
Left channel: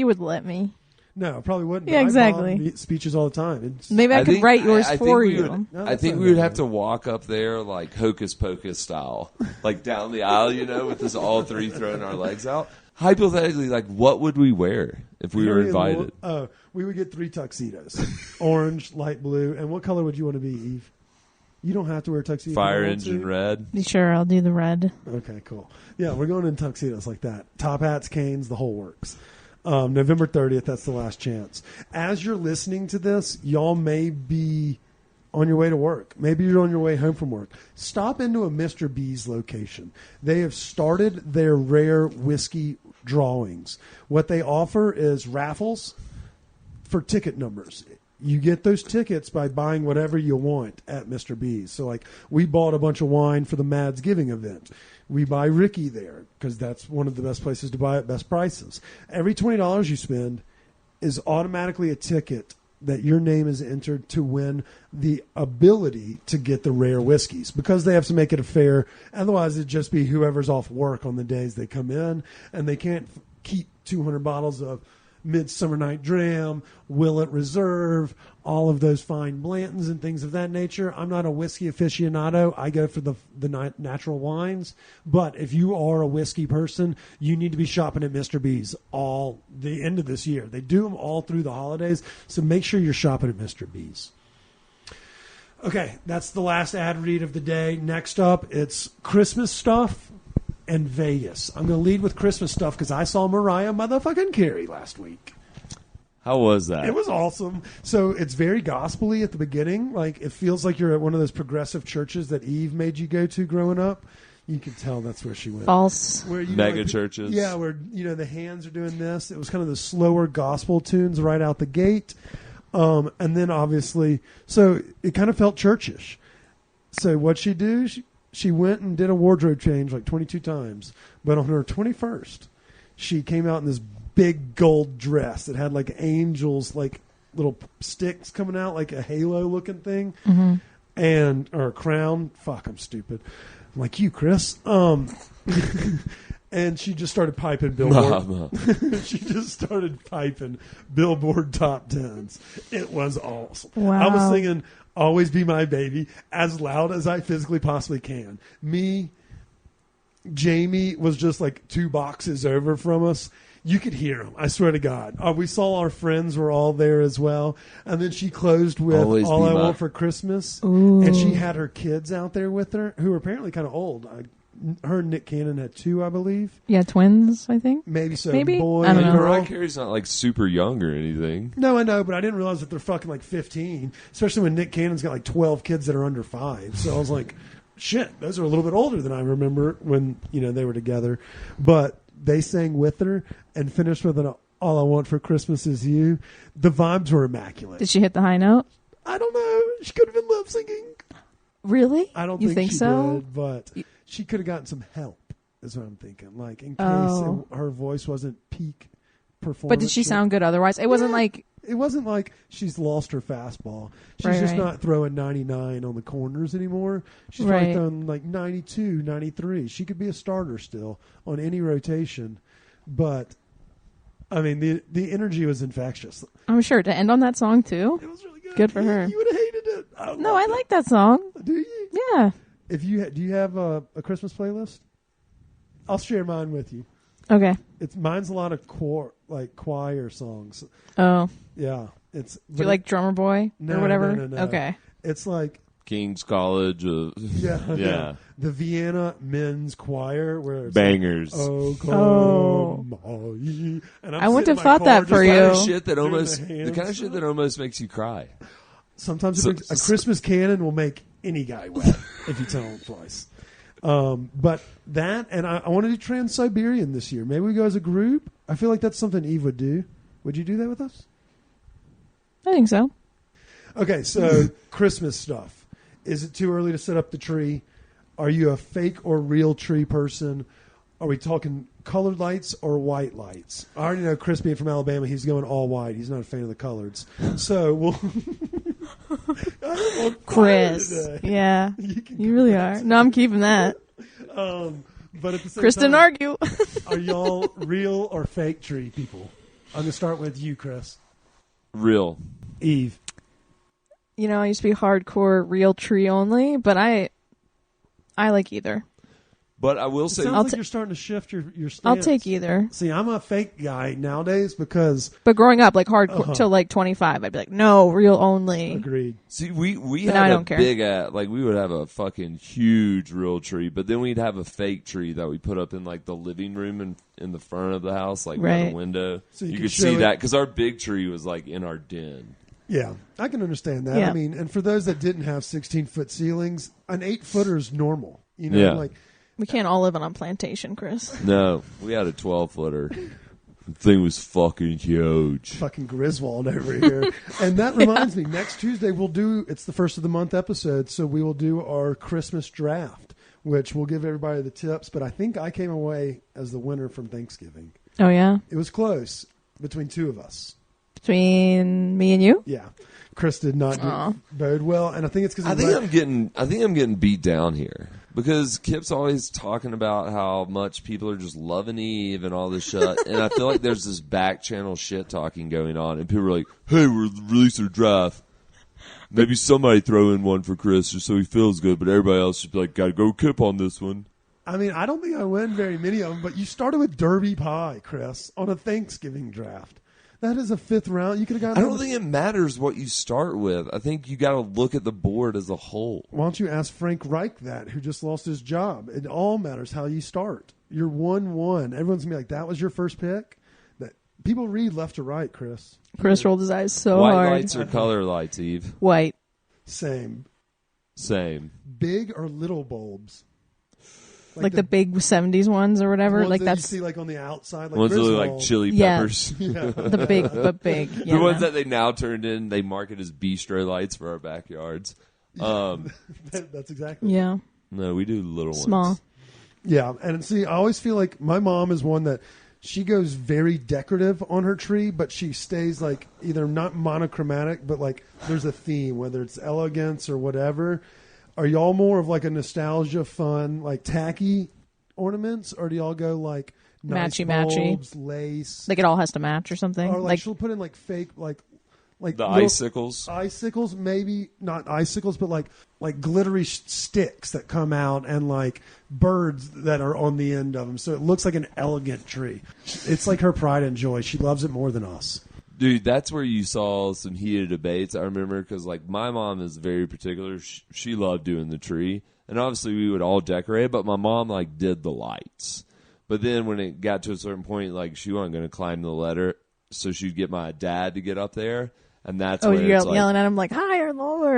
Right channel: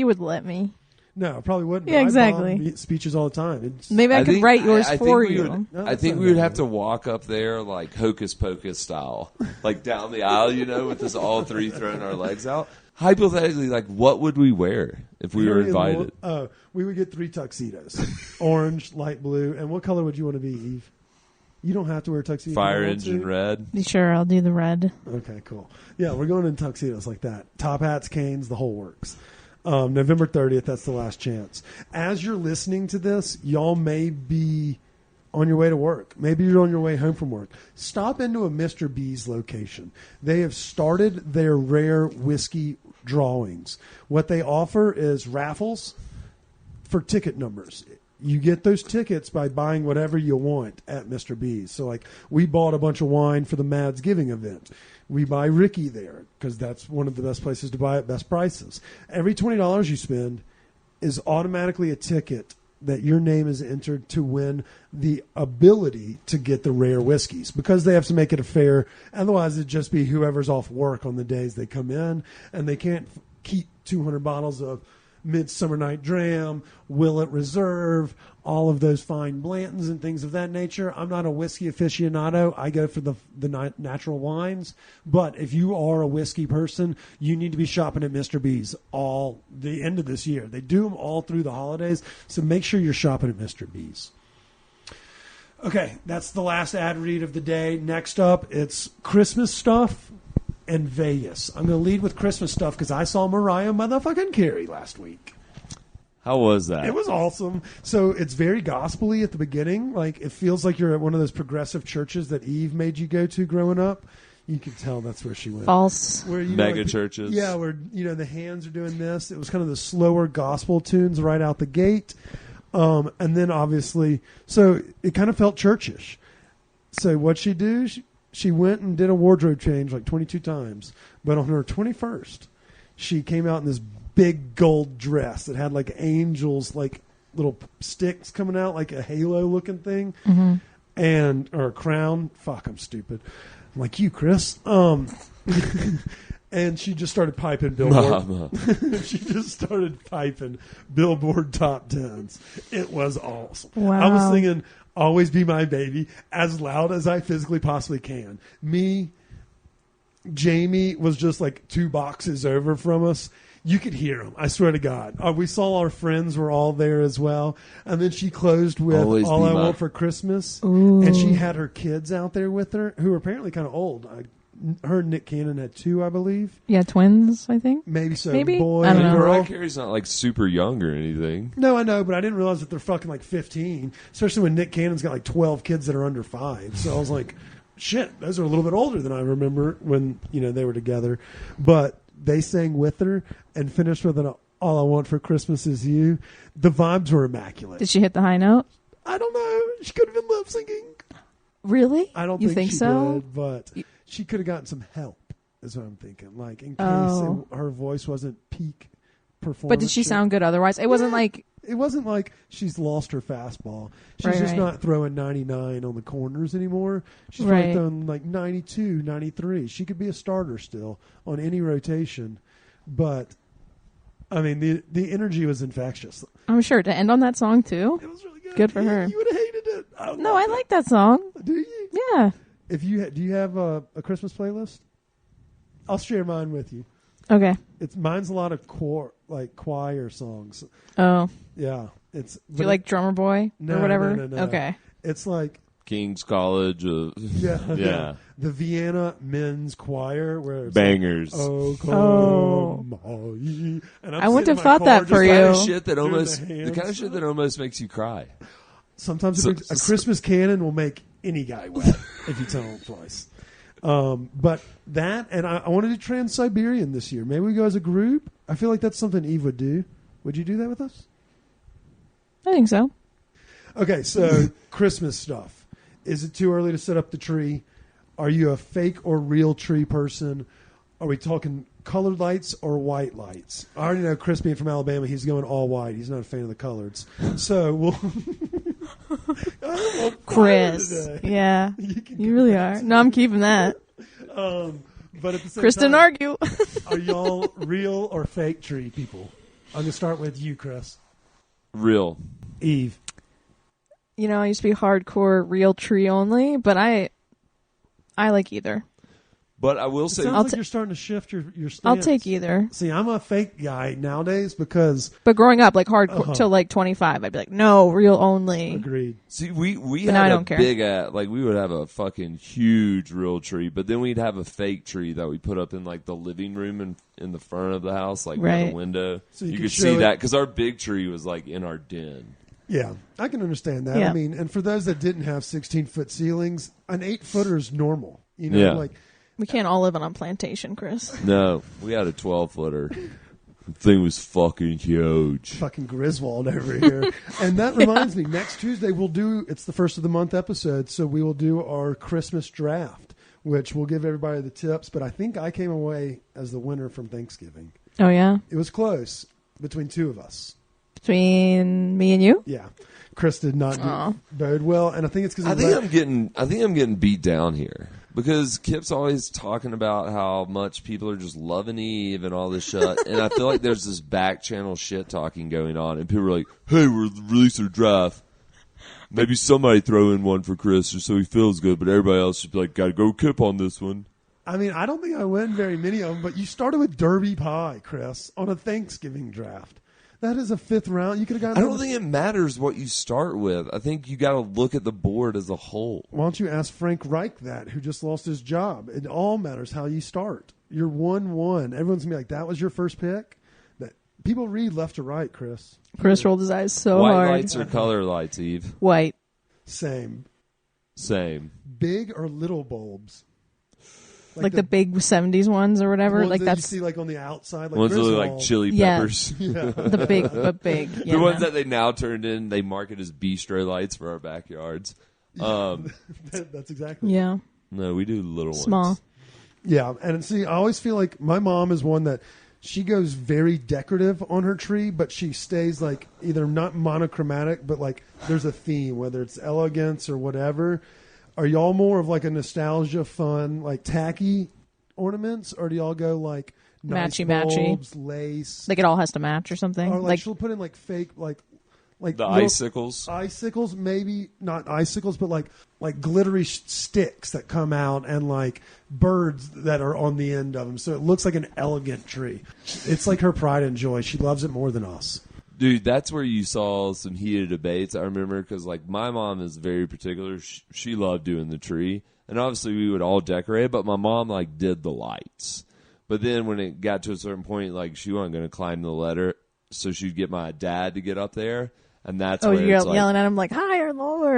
No, I probably wouldn't. But I bomb speeches all the time. I think we would. No, I think we would have to walk up there like Hocus Pocus style, like down the aisle, with us all three throwing our legs out. Hypothetically, like what would we wear if we were invited? We would get 3 tuxedos: orange, light blue, and what color would you want to be, Eve? You don't have to wear a tuxedo. Fire engine red. Okay, cool. Yeah, we're going in tuxedos like that. Top hats, canes, the whole works. November 30th, that's the last chance. As you're listening to this, y'all may be on your way to work. Maybe you're on your way home from work. Stop into a Mr. B's location. They have started their rare whiskey drawings. What they offer is raffles for ticket numbers. You get those tickets by buying whatever you want at Mr. B's. So, like, we bought a bunch of wine for the Mads Giving event. We buy Ricky there because that's one of the best places to buy at best prices. Every $20 you spend is automatically a ticket that your name is entered to win the ability to get the rare whiskeys because they have to make it a fair. Otherwise, it'd just be whoever's off work on the days they come in, and they can't keep 200 bottles of Midsummer Night Dram, Willet Reserve, all of those fine Blantons and things of that nature. I'm not a whiskey aficionado. I go for the natural wines. But if you are a whiskey person, you need to be shopping at Mr. B's all the end of this year. They do them all through the holidays, so make sure you're shopping at Mr. B's. Okay, that's the last ad read of the day. Next up, it's Christmas stuff and Vegas. I'm going to lead with Christmas stuff because I saw Mariah motherfucking Carey last week. How was that? It was awesome. So it's very gospel-y at the beginning. Like, it feels like you're at one of those progressive churches that Eve made you go to growing up. You could tell that's where she went. Where Mega churches. Yeah, where the hands are doing this. It was kind of the slower gospel tunes right out the gate. And then obviously, so it kind of felt churchish. So what'd she do? She went and did a wardrobe change like 22 times. But on her 21st, she came out in this big gold dress that had like angels, like little sticks coming out, like a halo looking thing, or a crown. Fuck, I'm stupid. I'm like you, Chris. And she just started piping Billboard. She just started piping Billboard top tens. It was awesome. I was singing "Always Be My Baby" as loud as I physically possibly can. Jamie was just like 2 boxes over from us. You could hear him. I swear to God. We saw our friends were all there as well. And then she closed with "All I Want for Christmas." And she had her kids out there with her, who were apparently kind of old. Her and Nick Cannon had 2, I believe. Maybe so. Boy and girl. Mariah Carey's not like super young or anything. No, I know, but I didn't realize that they're fucking like 15, especially when Nick Cannon's got like 12 kids that are under 5. So I was like, shit, those are a little bit older than I remember when, they were together. But they sang with her and finished with an "All I Want for Christmas Is You." The vibes were immaculate. I don't know. She could have been lip syncing. I don't think she did, but she could have gotten some help, is what I'm thinking. Like, in case her voice wasn't peak performance shit. Yeah. It wasn't like she's lost her fastball. She's just not throwing 99 on the corners anymore. She's probably throwing like 92, 93. She could be a starter still on any rotation. But, I mean, the energy was infectious. It was really good. You would have hated it. I loved it. Do you? Do you have a Christmas playlist? I'll share mine with you. Mine's a lot of choir songs. Yeah, no. It's like King's College. Yeah. The Vienna Men's Choir, where it's bangers. Like, "Oh come all ye," and I'm sitting in my car just the kind of shit that almost makes you cry. Sometimes a Christmas canon will make any guy wet if you tell him twice. But that, and I want to do Trans-Siberian this year. Maybe we go as a group. I feel like that's something Eve would do. Would you do that with us? Okay, so Christmas stuff. Is it too early to set up the tree? Are you a fake or real tree person? Are we talking colored lights or white lights? I already know Chris being from Alabama, he's going all white. He's not a fan of the coloreds. So I am on fire today. You can cut that too. But at the same time, are y'all real or fake tree people? I'm going to start with you, Chris. Real. Eve. But I will say, it sounds like you're starting to shift your stance. See, I'm a fake guy nowadays because, agreed. See, we had a big we would have a fucking huge real tree, but then we'd have a fake tree that we put up in like the living room in the front of the house. Like we had a window, so you could see that because our big tree was like in our den. Yeah, I can understand that. I mean, and for those that didn't have 16-foot ceilings, an 8-footer is normal. Yeah. No, we had a 12-footer. The thing was fucking huge. Fucking Griswold over here. And that reminds me, next Tuesday it's the first of the month episode, so we will do our Christmas draft, which we'll give everybody the tips, but I think I came away as the winner from Thanksgiving. It was close between two of us. Yeah. Chris did not bode well, and I think it's because I think I'm getting beat down here because Kip's always talking about how much people are just loving Eve and all this shit, and I feel like there's this back channel shit talking going on, and people are like, "Hey, we're releasing a draft. Maybe somebody throw in one for Chris just so he feels good, but everybody else should be like, gotta go Kip on this one." I mean, I don't think I win very many of them, but you started with Derby Pie, Chris, on a Thanksgiving draft. That is a 5th round. You could have gotten. I don't think it matters what you start with. I think you got to look at the board as a whole. Why don't you ask Frank Reich that, who just lost his job? It all matters how you start. You're 1-1. Everyone's going to be like, that was your first pick? That people read left to right, Chris. Here. White lights or color lights, Eve? Same. Big or little bulbs? Like the ones that you see like on the outside, like ones that look Griswold. like chili peppers. Yeah. The ones that they now turned in, they market as bistro lights for our backyards. That's exactly it. No, we do little ones. Yeah, and see, I always feel like my mom is one that she goes very decorative on her tree, but she stays like either not monochromatic, but like there's a theme, whether it's elegance or whatever. Are y'all more of like a nostalgia, fun, like tacky ornaments, or do y'all go like nice bulbs, lace, or like she'll put in like fake like the little icicles, maybe not icicles, but like glittery sticks that come out and like birds that are on the end of them, so it looks like an elegant tree. It's like her pride and joy. She loves it more than us. Dude, that's where you saw some heated debates. I remember because like my mom is very particular. She loved doing the tree. And obviously we would all decorate, but my mom like did the lights. But then when it got to a certain point, like she wasn't going to climb the ladder, so she'd get my dad to get up there, and that's where it's like,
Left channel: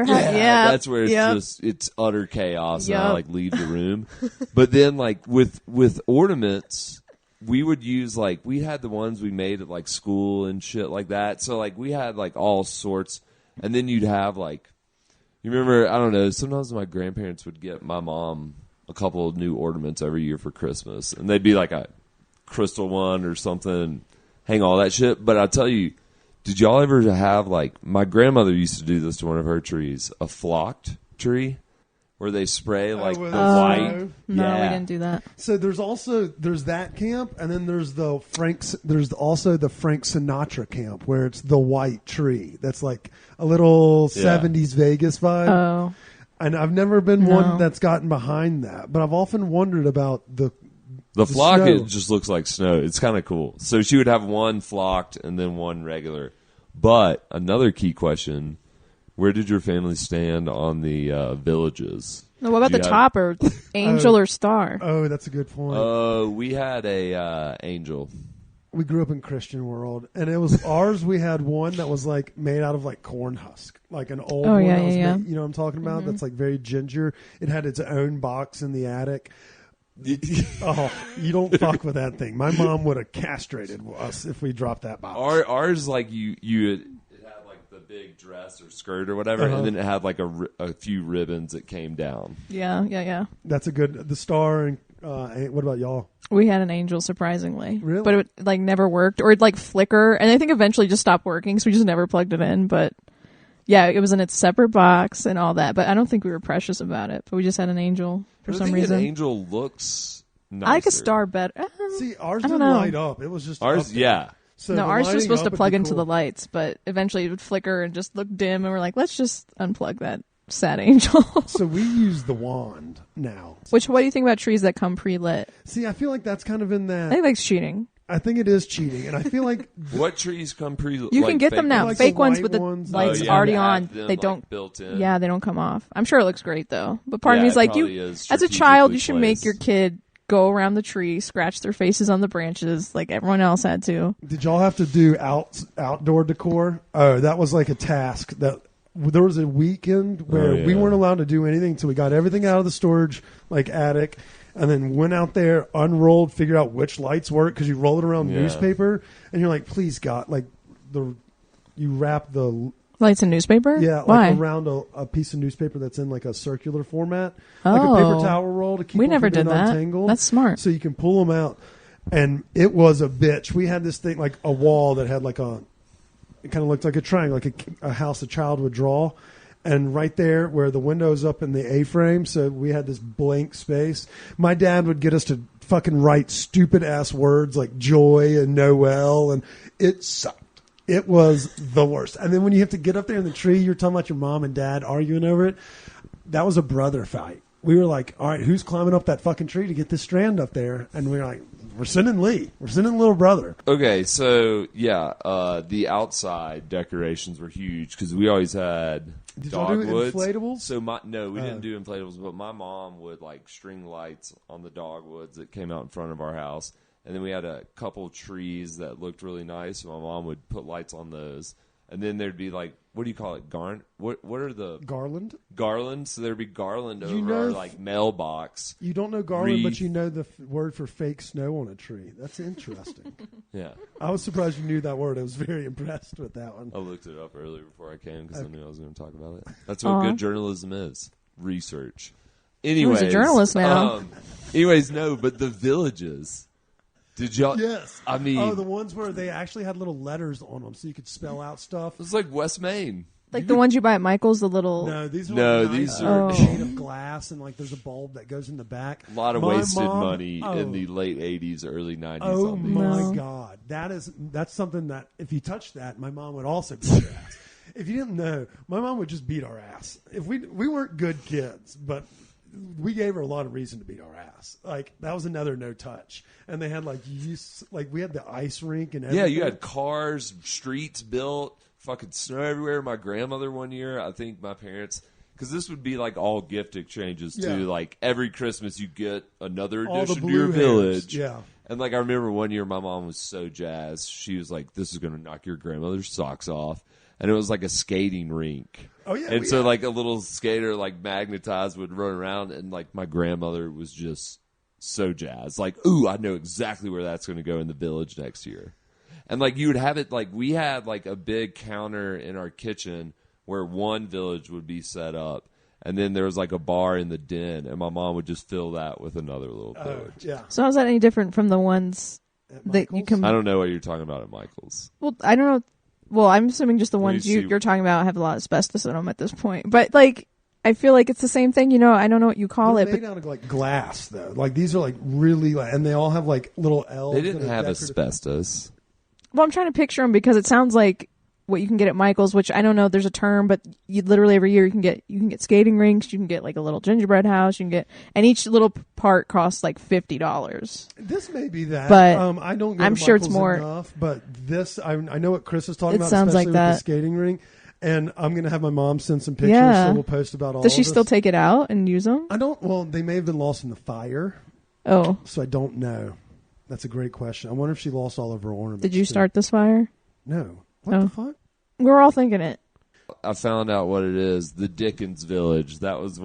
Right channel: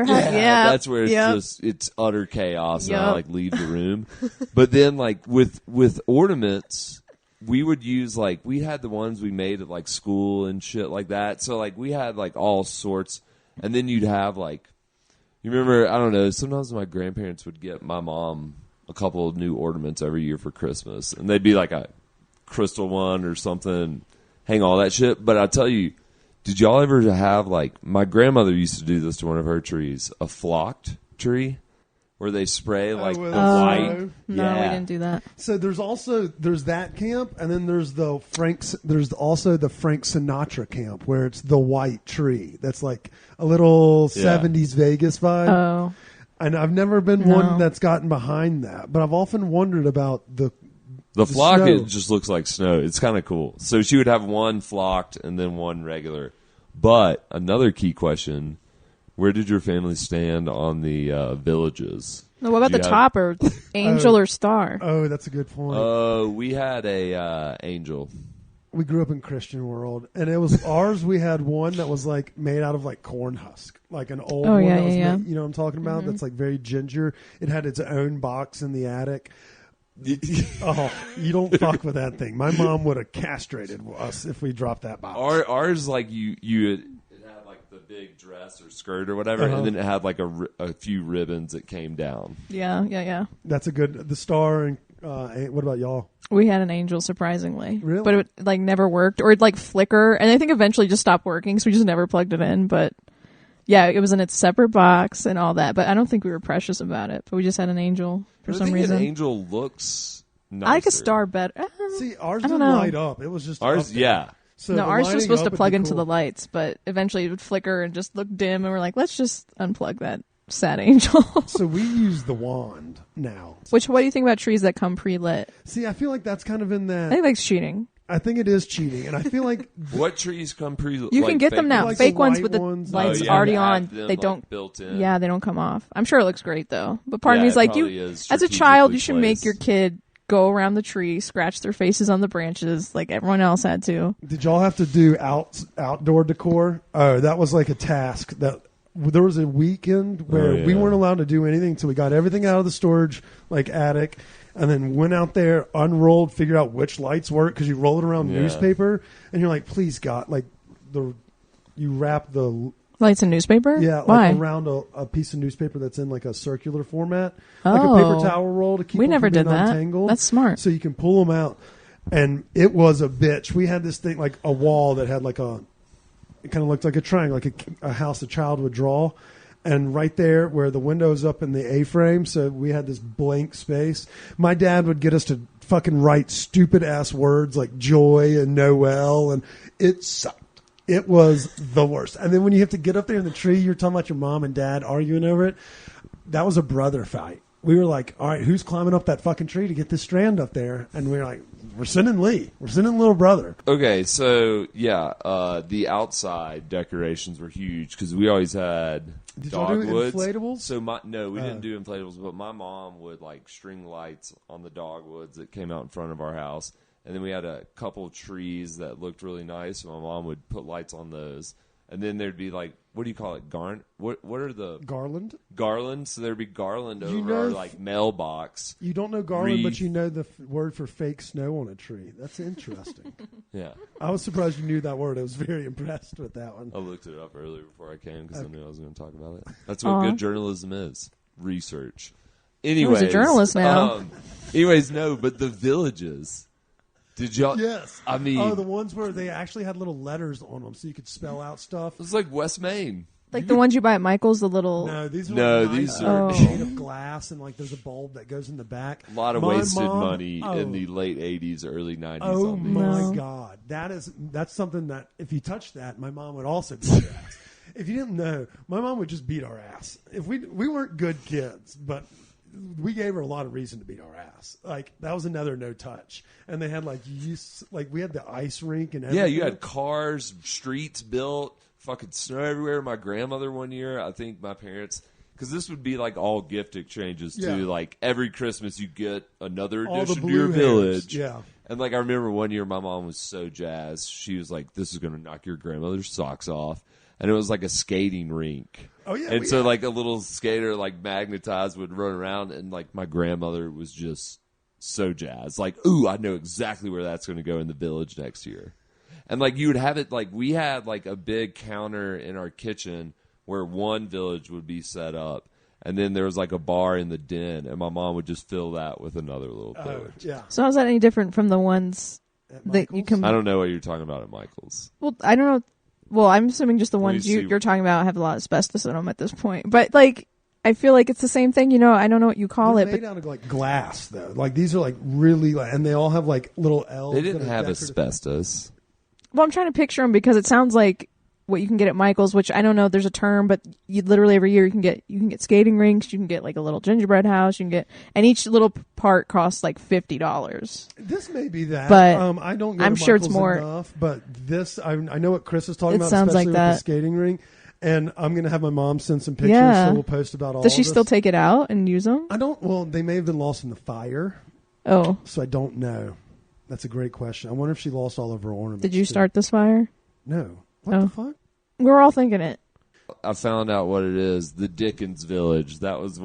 yeah, that's where it's utter chaos, and I like leave the room. But then like with ornaments, we would use like we had the ones we made at like school and shit like that. So like we had like all sorts, and then you'd have like. You remember, I don't know, sometimes my grandparents would get my mom a couple of new ornaments every year for Christmas. And they'd be like a crystal one or something, hang all that shit. But I tell you, did y'all ever have, like, my grandmother used to do this to one of her trees, a flocked tree, where they spray, like, the white. Snow. Yeah. So there's that camp, and then there's also the Frank Sinatra camp where it's the white tree. That's like a little 70s Vegas vibe. And I've never been one that's gotten behind that, but I've often wondered about the flock. snow. It just looks like snow. It's kind of cool. So she would have one flocked and then one regular. But another key question: where did your family stand on the villages? Do you have? Oh, that's a good point. We had a angel. We grew up in Christian world, and it was ours. We had one that was like made out of like corn husk, like an old one that was made. You know what I'm talking about? That's like very ginger. It had its own box in the attic. Oh, you don't fuck with that thing. My mom would have castrated us if we dropped that box. Ours like it had like the big dress or skirt or whatever, and then it had like a few ribbons that came down. That's the star. And what about y'all? Really? But I think an angel looks nicer. See, ours didn't light up. It was just Ours, up there. yeah. So the lighting up would be cool. So we use the wand now. See, I feel like that's kind of in that. I think it is cheating, and I feel like What trees come like fake ones? like the white ones. and Oh things yeah, like that that. have them like built in. Yeah, it probably is strategically placed. Did y'all have to do outdoor decor? Oh, that was like a task that there was a weekend where we yeah. weren't allowed to do anything until we got everything out of the storage, like attic, and then went out there, unrolled, figured out which lights work because you roll it around Yeah. newspaper, and you're like, please God, like you wrap the. Yeah, like around a piece of newspaper that's in like a circular format, like a paper towel roll to keep them from being untangled, so you can pull them out. And it was a bitch. We had this thing like a wall that had like it kind of looked like a triangle, like a house a child would draw. And right there where the window's up in the A-frame, so we had this blank space. My dad would get us to fucking write stupid ass words like joy and Noel, and it sucked. It was the worst. And then when you have to get up there in the tree, you're talking about your mom and dad arguing over it. That was a brother fight. We were like, all right, who's climbing up that fucking tree to get this strand up there? And we were like, we're sending Lee. We're sending little brother. Okay, so yeah, the outside decorations were huge because we always had Did y'all do dogwoods. inflatables? So we didn't do inflatables, but my mom would like string lights on the dogwoods that came out in front of our house. And then we had a couple trees that looked really nice. So my mom would put lights on those. And then there'd be like, what do you call it? What are the Garland? garlands? So there'd be garland over know our like mailbox. You don't know garland, but Wreath. you know the word for fake snow on a tree. That's interesting. Yeah. I was surprised you knew that word. I was very impressed with that one. I looked it up earlier before I came because I knew I was going to talk about it. That's what good journalism is. Research. Anyways, no, but the villages. Did y'all? Yes. I mean, the ones where they actually had little letters on them so you could spell out stuff. it's like West Maine. You could. No, these are No, like nice, these they're, are- like made of glass, and like there's a bulb that goes in the back. A lot of My wasted mom- money oh. in the late '80s, early '90s. Oh on these. my God, that's something that if you touch that, my mom would also beat your ass. If you didn't know, my mom would just beat our ass. If we weren't good kids, but we gave her a lot of reason to beat our ass. Like that was another no touch, and they had like we had the ice rink and everything. Yeah, you had cars, streets built, fucking snow everywhere. My grandmother one year, I think my parents, because this would be like all gift exchanges too. Yeah. Like every Christmas, you get another all the addition to your blue hairs. village. Yeah. And like I remember one year, my mom was so jazzed. She was like, "This is going to knock your grandmother's socks off," and it was like a skating rink. Oh yeah, And we so had- like a little skater like magnetized would run around, and like my grandmother was just so jazzed. Like, ooh, I know exactly where that's going to go in the village next year. And like you would have it like we had like a big counter in our kitchen where one village would be set up, and then there was like a bar in the den, and my mom would just fill that with another little village. yeah. At Michael's, I don't know what you're talking about at Michael's. Let me see. they're made out of like glass though. Like these are like really, and they all have like little L's. They didn't that are have decorative. asbestos. This may be that. I don't go to Michael's enough, but this I know what Chris is talking about, especially with the skating rink. And I'm gonna have my mom send some pictures, so we'll post about all of this. I don't. Well, they may have been lost in the fire, so I don't know. That's a great question. I wonder if she lost all of her ornaments too. No. What the fuck? I found out what it is. The Dickens Village. That was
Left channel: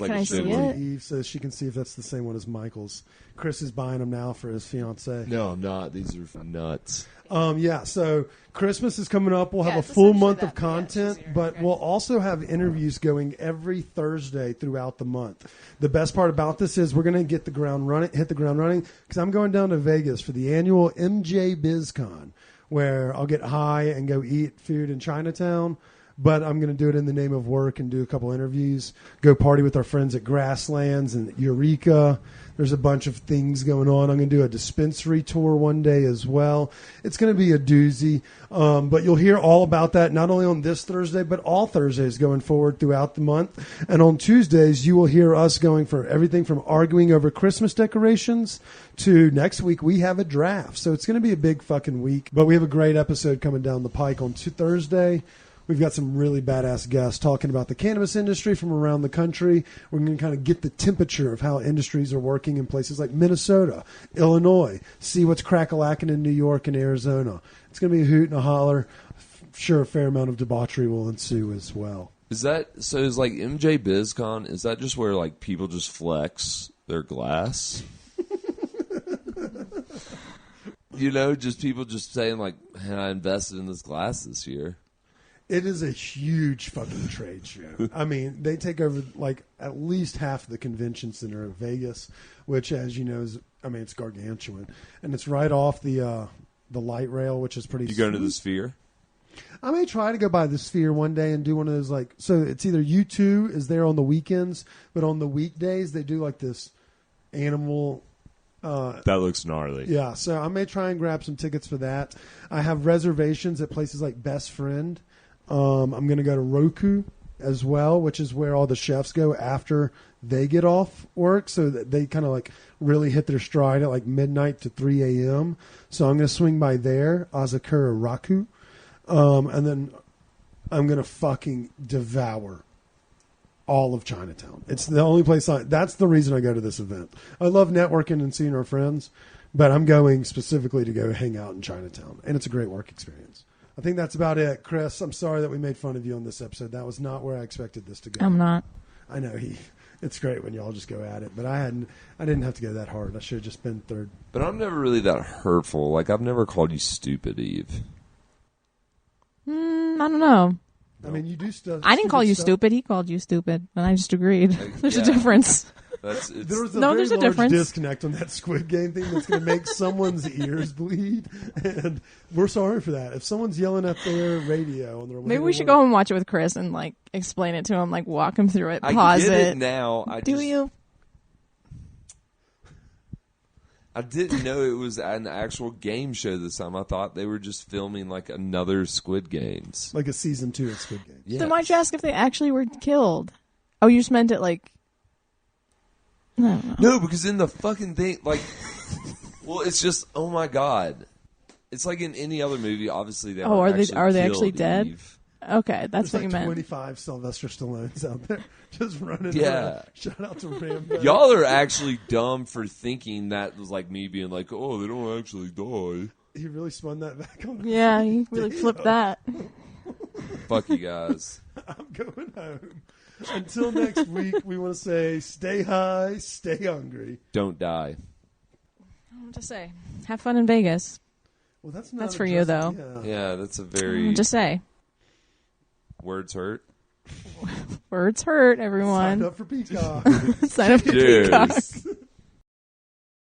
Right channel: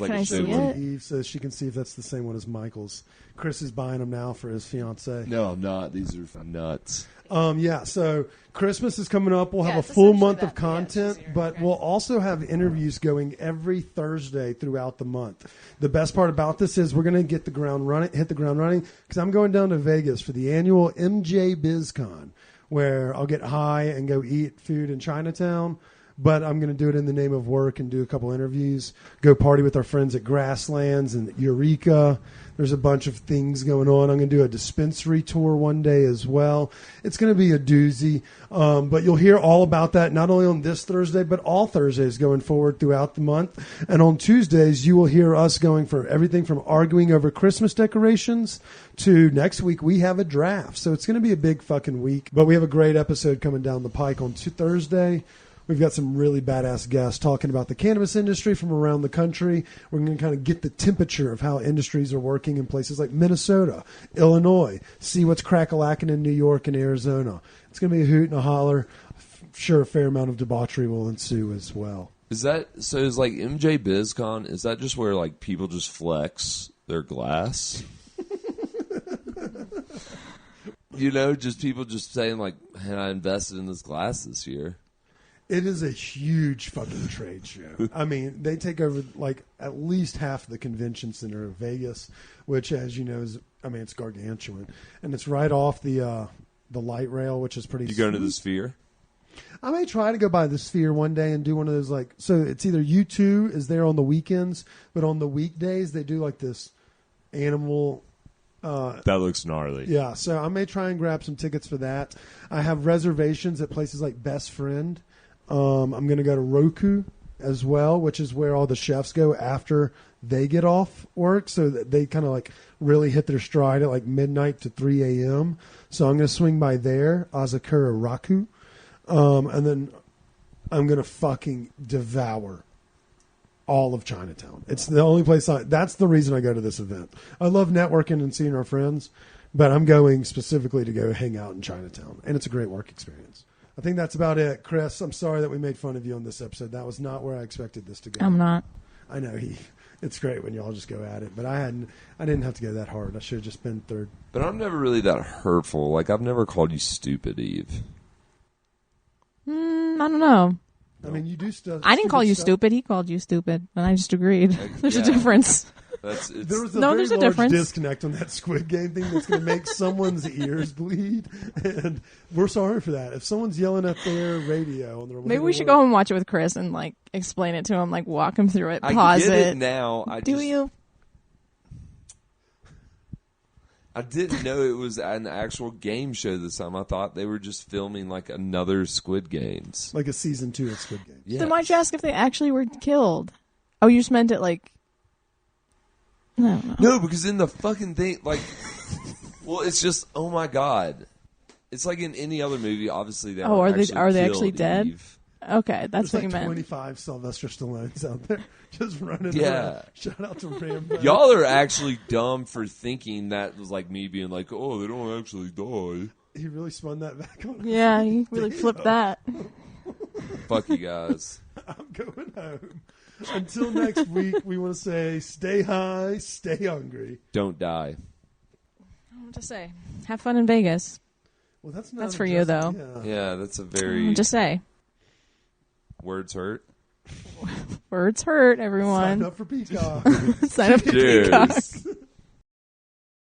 like a Show big it one. to Eve so she can see if that's the same one as Michael's. Chris is buying them now for his fiance. No, I'm not. These are nuts. Yeah, so Christmas is coming up. We'll have a full month of content, but we'll also have interviews going every Thursday throughout the month. The best part about this is we're going to hit the ground running, because I'm going down to Vegas for the annual MJ BizCon, where I'll get high and go eat food in Chinatown. But I'm going to do it in the name of work and do a couple interviews, go party with our friends at Grasslands and Eureka. There's a bunch of things going on. I'm going to do a dispensary tour one day as well. It's going to be a doozy. But you'll hear all about that, not only on this Thursday, but all Thursdays going forward throughout the month. And on Tuesdays, you will hear us going for everything from arguing over Christmas decorations to next week we have a draft. So it's going to be a big fucking week. But we have a great episode coming down the pike on Thursday. We've got some really badass guests talking about the cannabis industry from around the country. We're going to kind of get the temperature of how industries are working in places like Minnesota, Illinois, see what's crack-a-lacking in New York and Arizona. It's going to be a hoot and a holler. sure a fair amount of debauchery will ensue as well. Is that so? Is like MJ BizCon? Is that just where like people just flex their glass? Just people just saying like, "Man, I invested in this glass this year." It is a huge fucking trade show. I mean, they take over like at least half the convention center of Vegas, which, as you know, it's gargantuan, and it's right off the light rail, which is pretty. You going to the Sphere? I may try to go by the Sphere one day and do one of those so it's either U2 is there on the weekends, but on the weekdays they do like this animal. That looks gnarly. Yeah, so I may try and grab some tickets for that. I have reservations at places like Best Friend. I'm going to go to Roku as well, which is where all the chefs go after they get off work, so that they kind of like really hit their stride at like midnight to 3 a.m. So I'm going to swing by there, Azakura Raku. And then I'm going to fucking devour all of Chinatown. It's the only place that's the reason I go to this event. I love networking and seeing our friends, but I'm going specifically to go hang out in Chinatown, and it's a great work experience. I think that's about it. Chris, I'm sorry that we made fun of you on this episode. That was not where I expected this to go. I know it's great when y'all just go at it, but I didn't have to go that hard. I should have just been third. But I'm never really that hurtful. Like I've never called you stupid, Eve. I mean, you do stupid stuff. Yeah. There was a very large disconnect on that Squid Game thing that's going to make someone's ears bleed, and we're sorry for that. If someone's yelling at their radio on their way to work. I get it now. I didn't know it was an actual game show this time. I thought they were just filming like another Squid Games. Like a season 2 of Squid Games. Yes. No, because in the fucking thing, it's just, oh my God. It's like in any other movie, obviously they aren't actually killed, Eve. There's like 25 Sylvester Stallones out there just running around. Shout out to Rambo. Y'all are actually dumb for thinking that was like me being like, oh, they don't actually die. He really spun that back on us. Damn. Fuck you guys. I'm going home. Until next week, we want to say stay high, stay hungry. Don't die. Well, that's not addressing. Yeah. Yeah, that's a very. Words hurt. Sign up for Peacock. Cheers.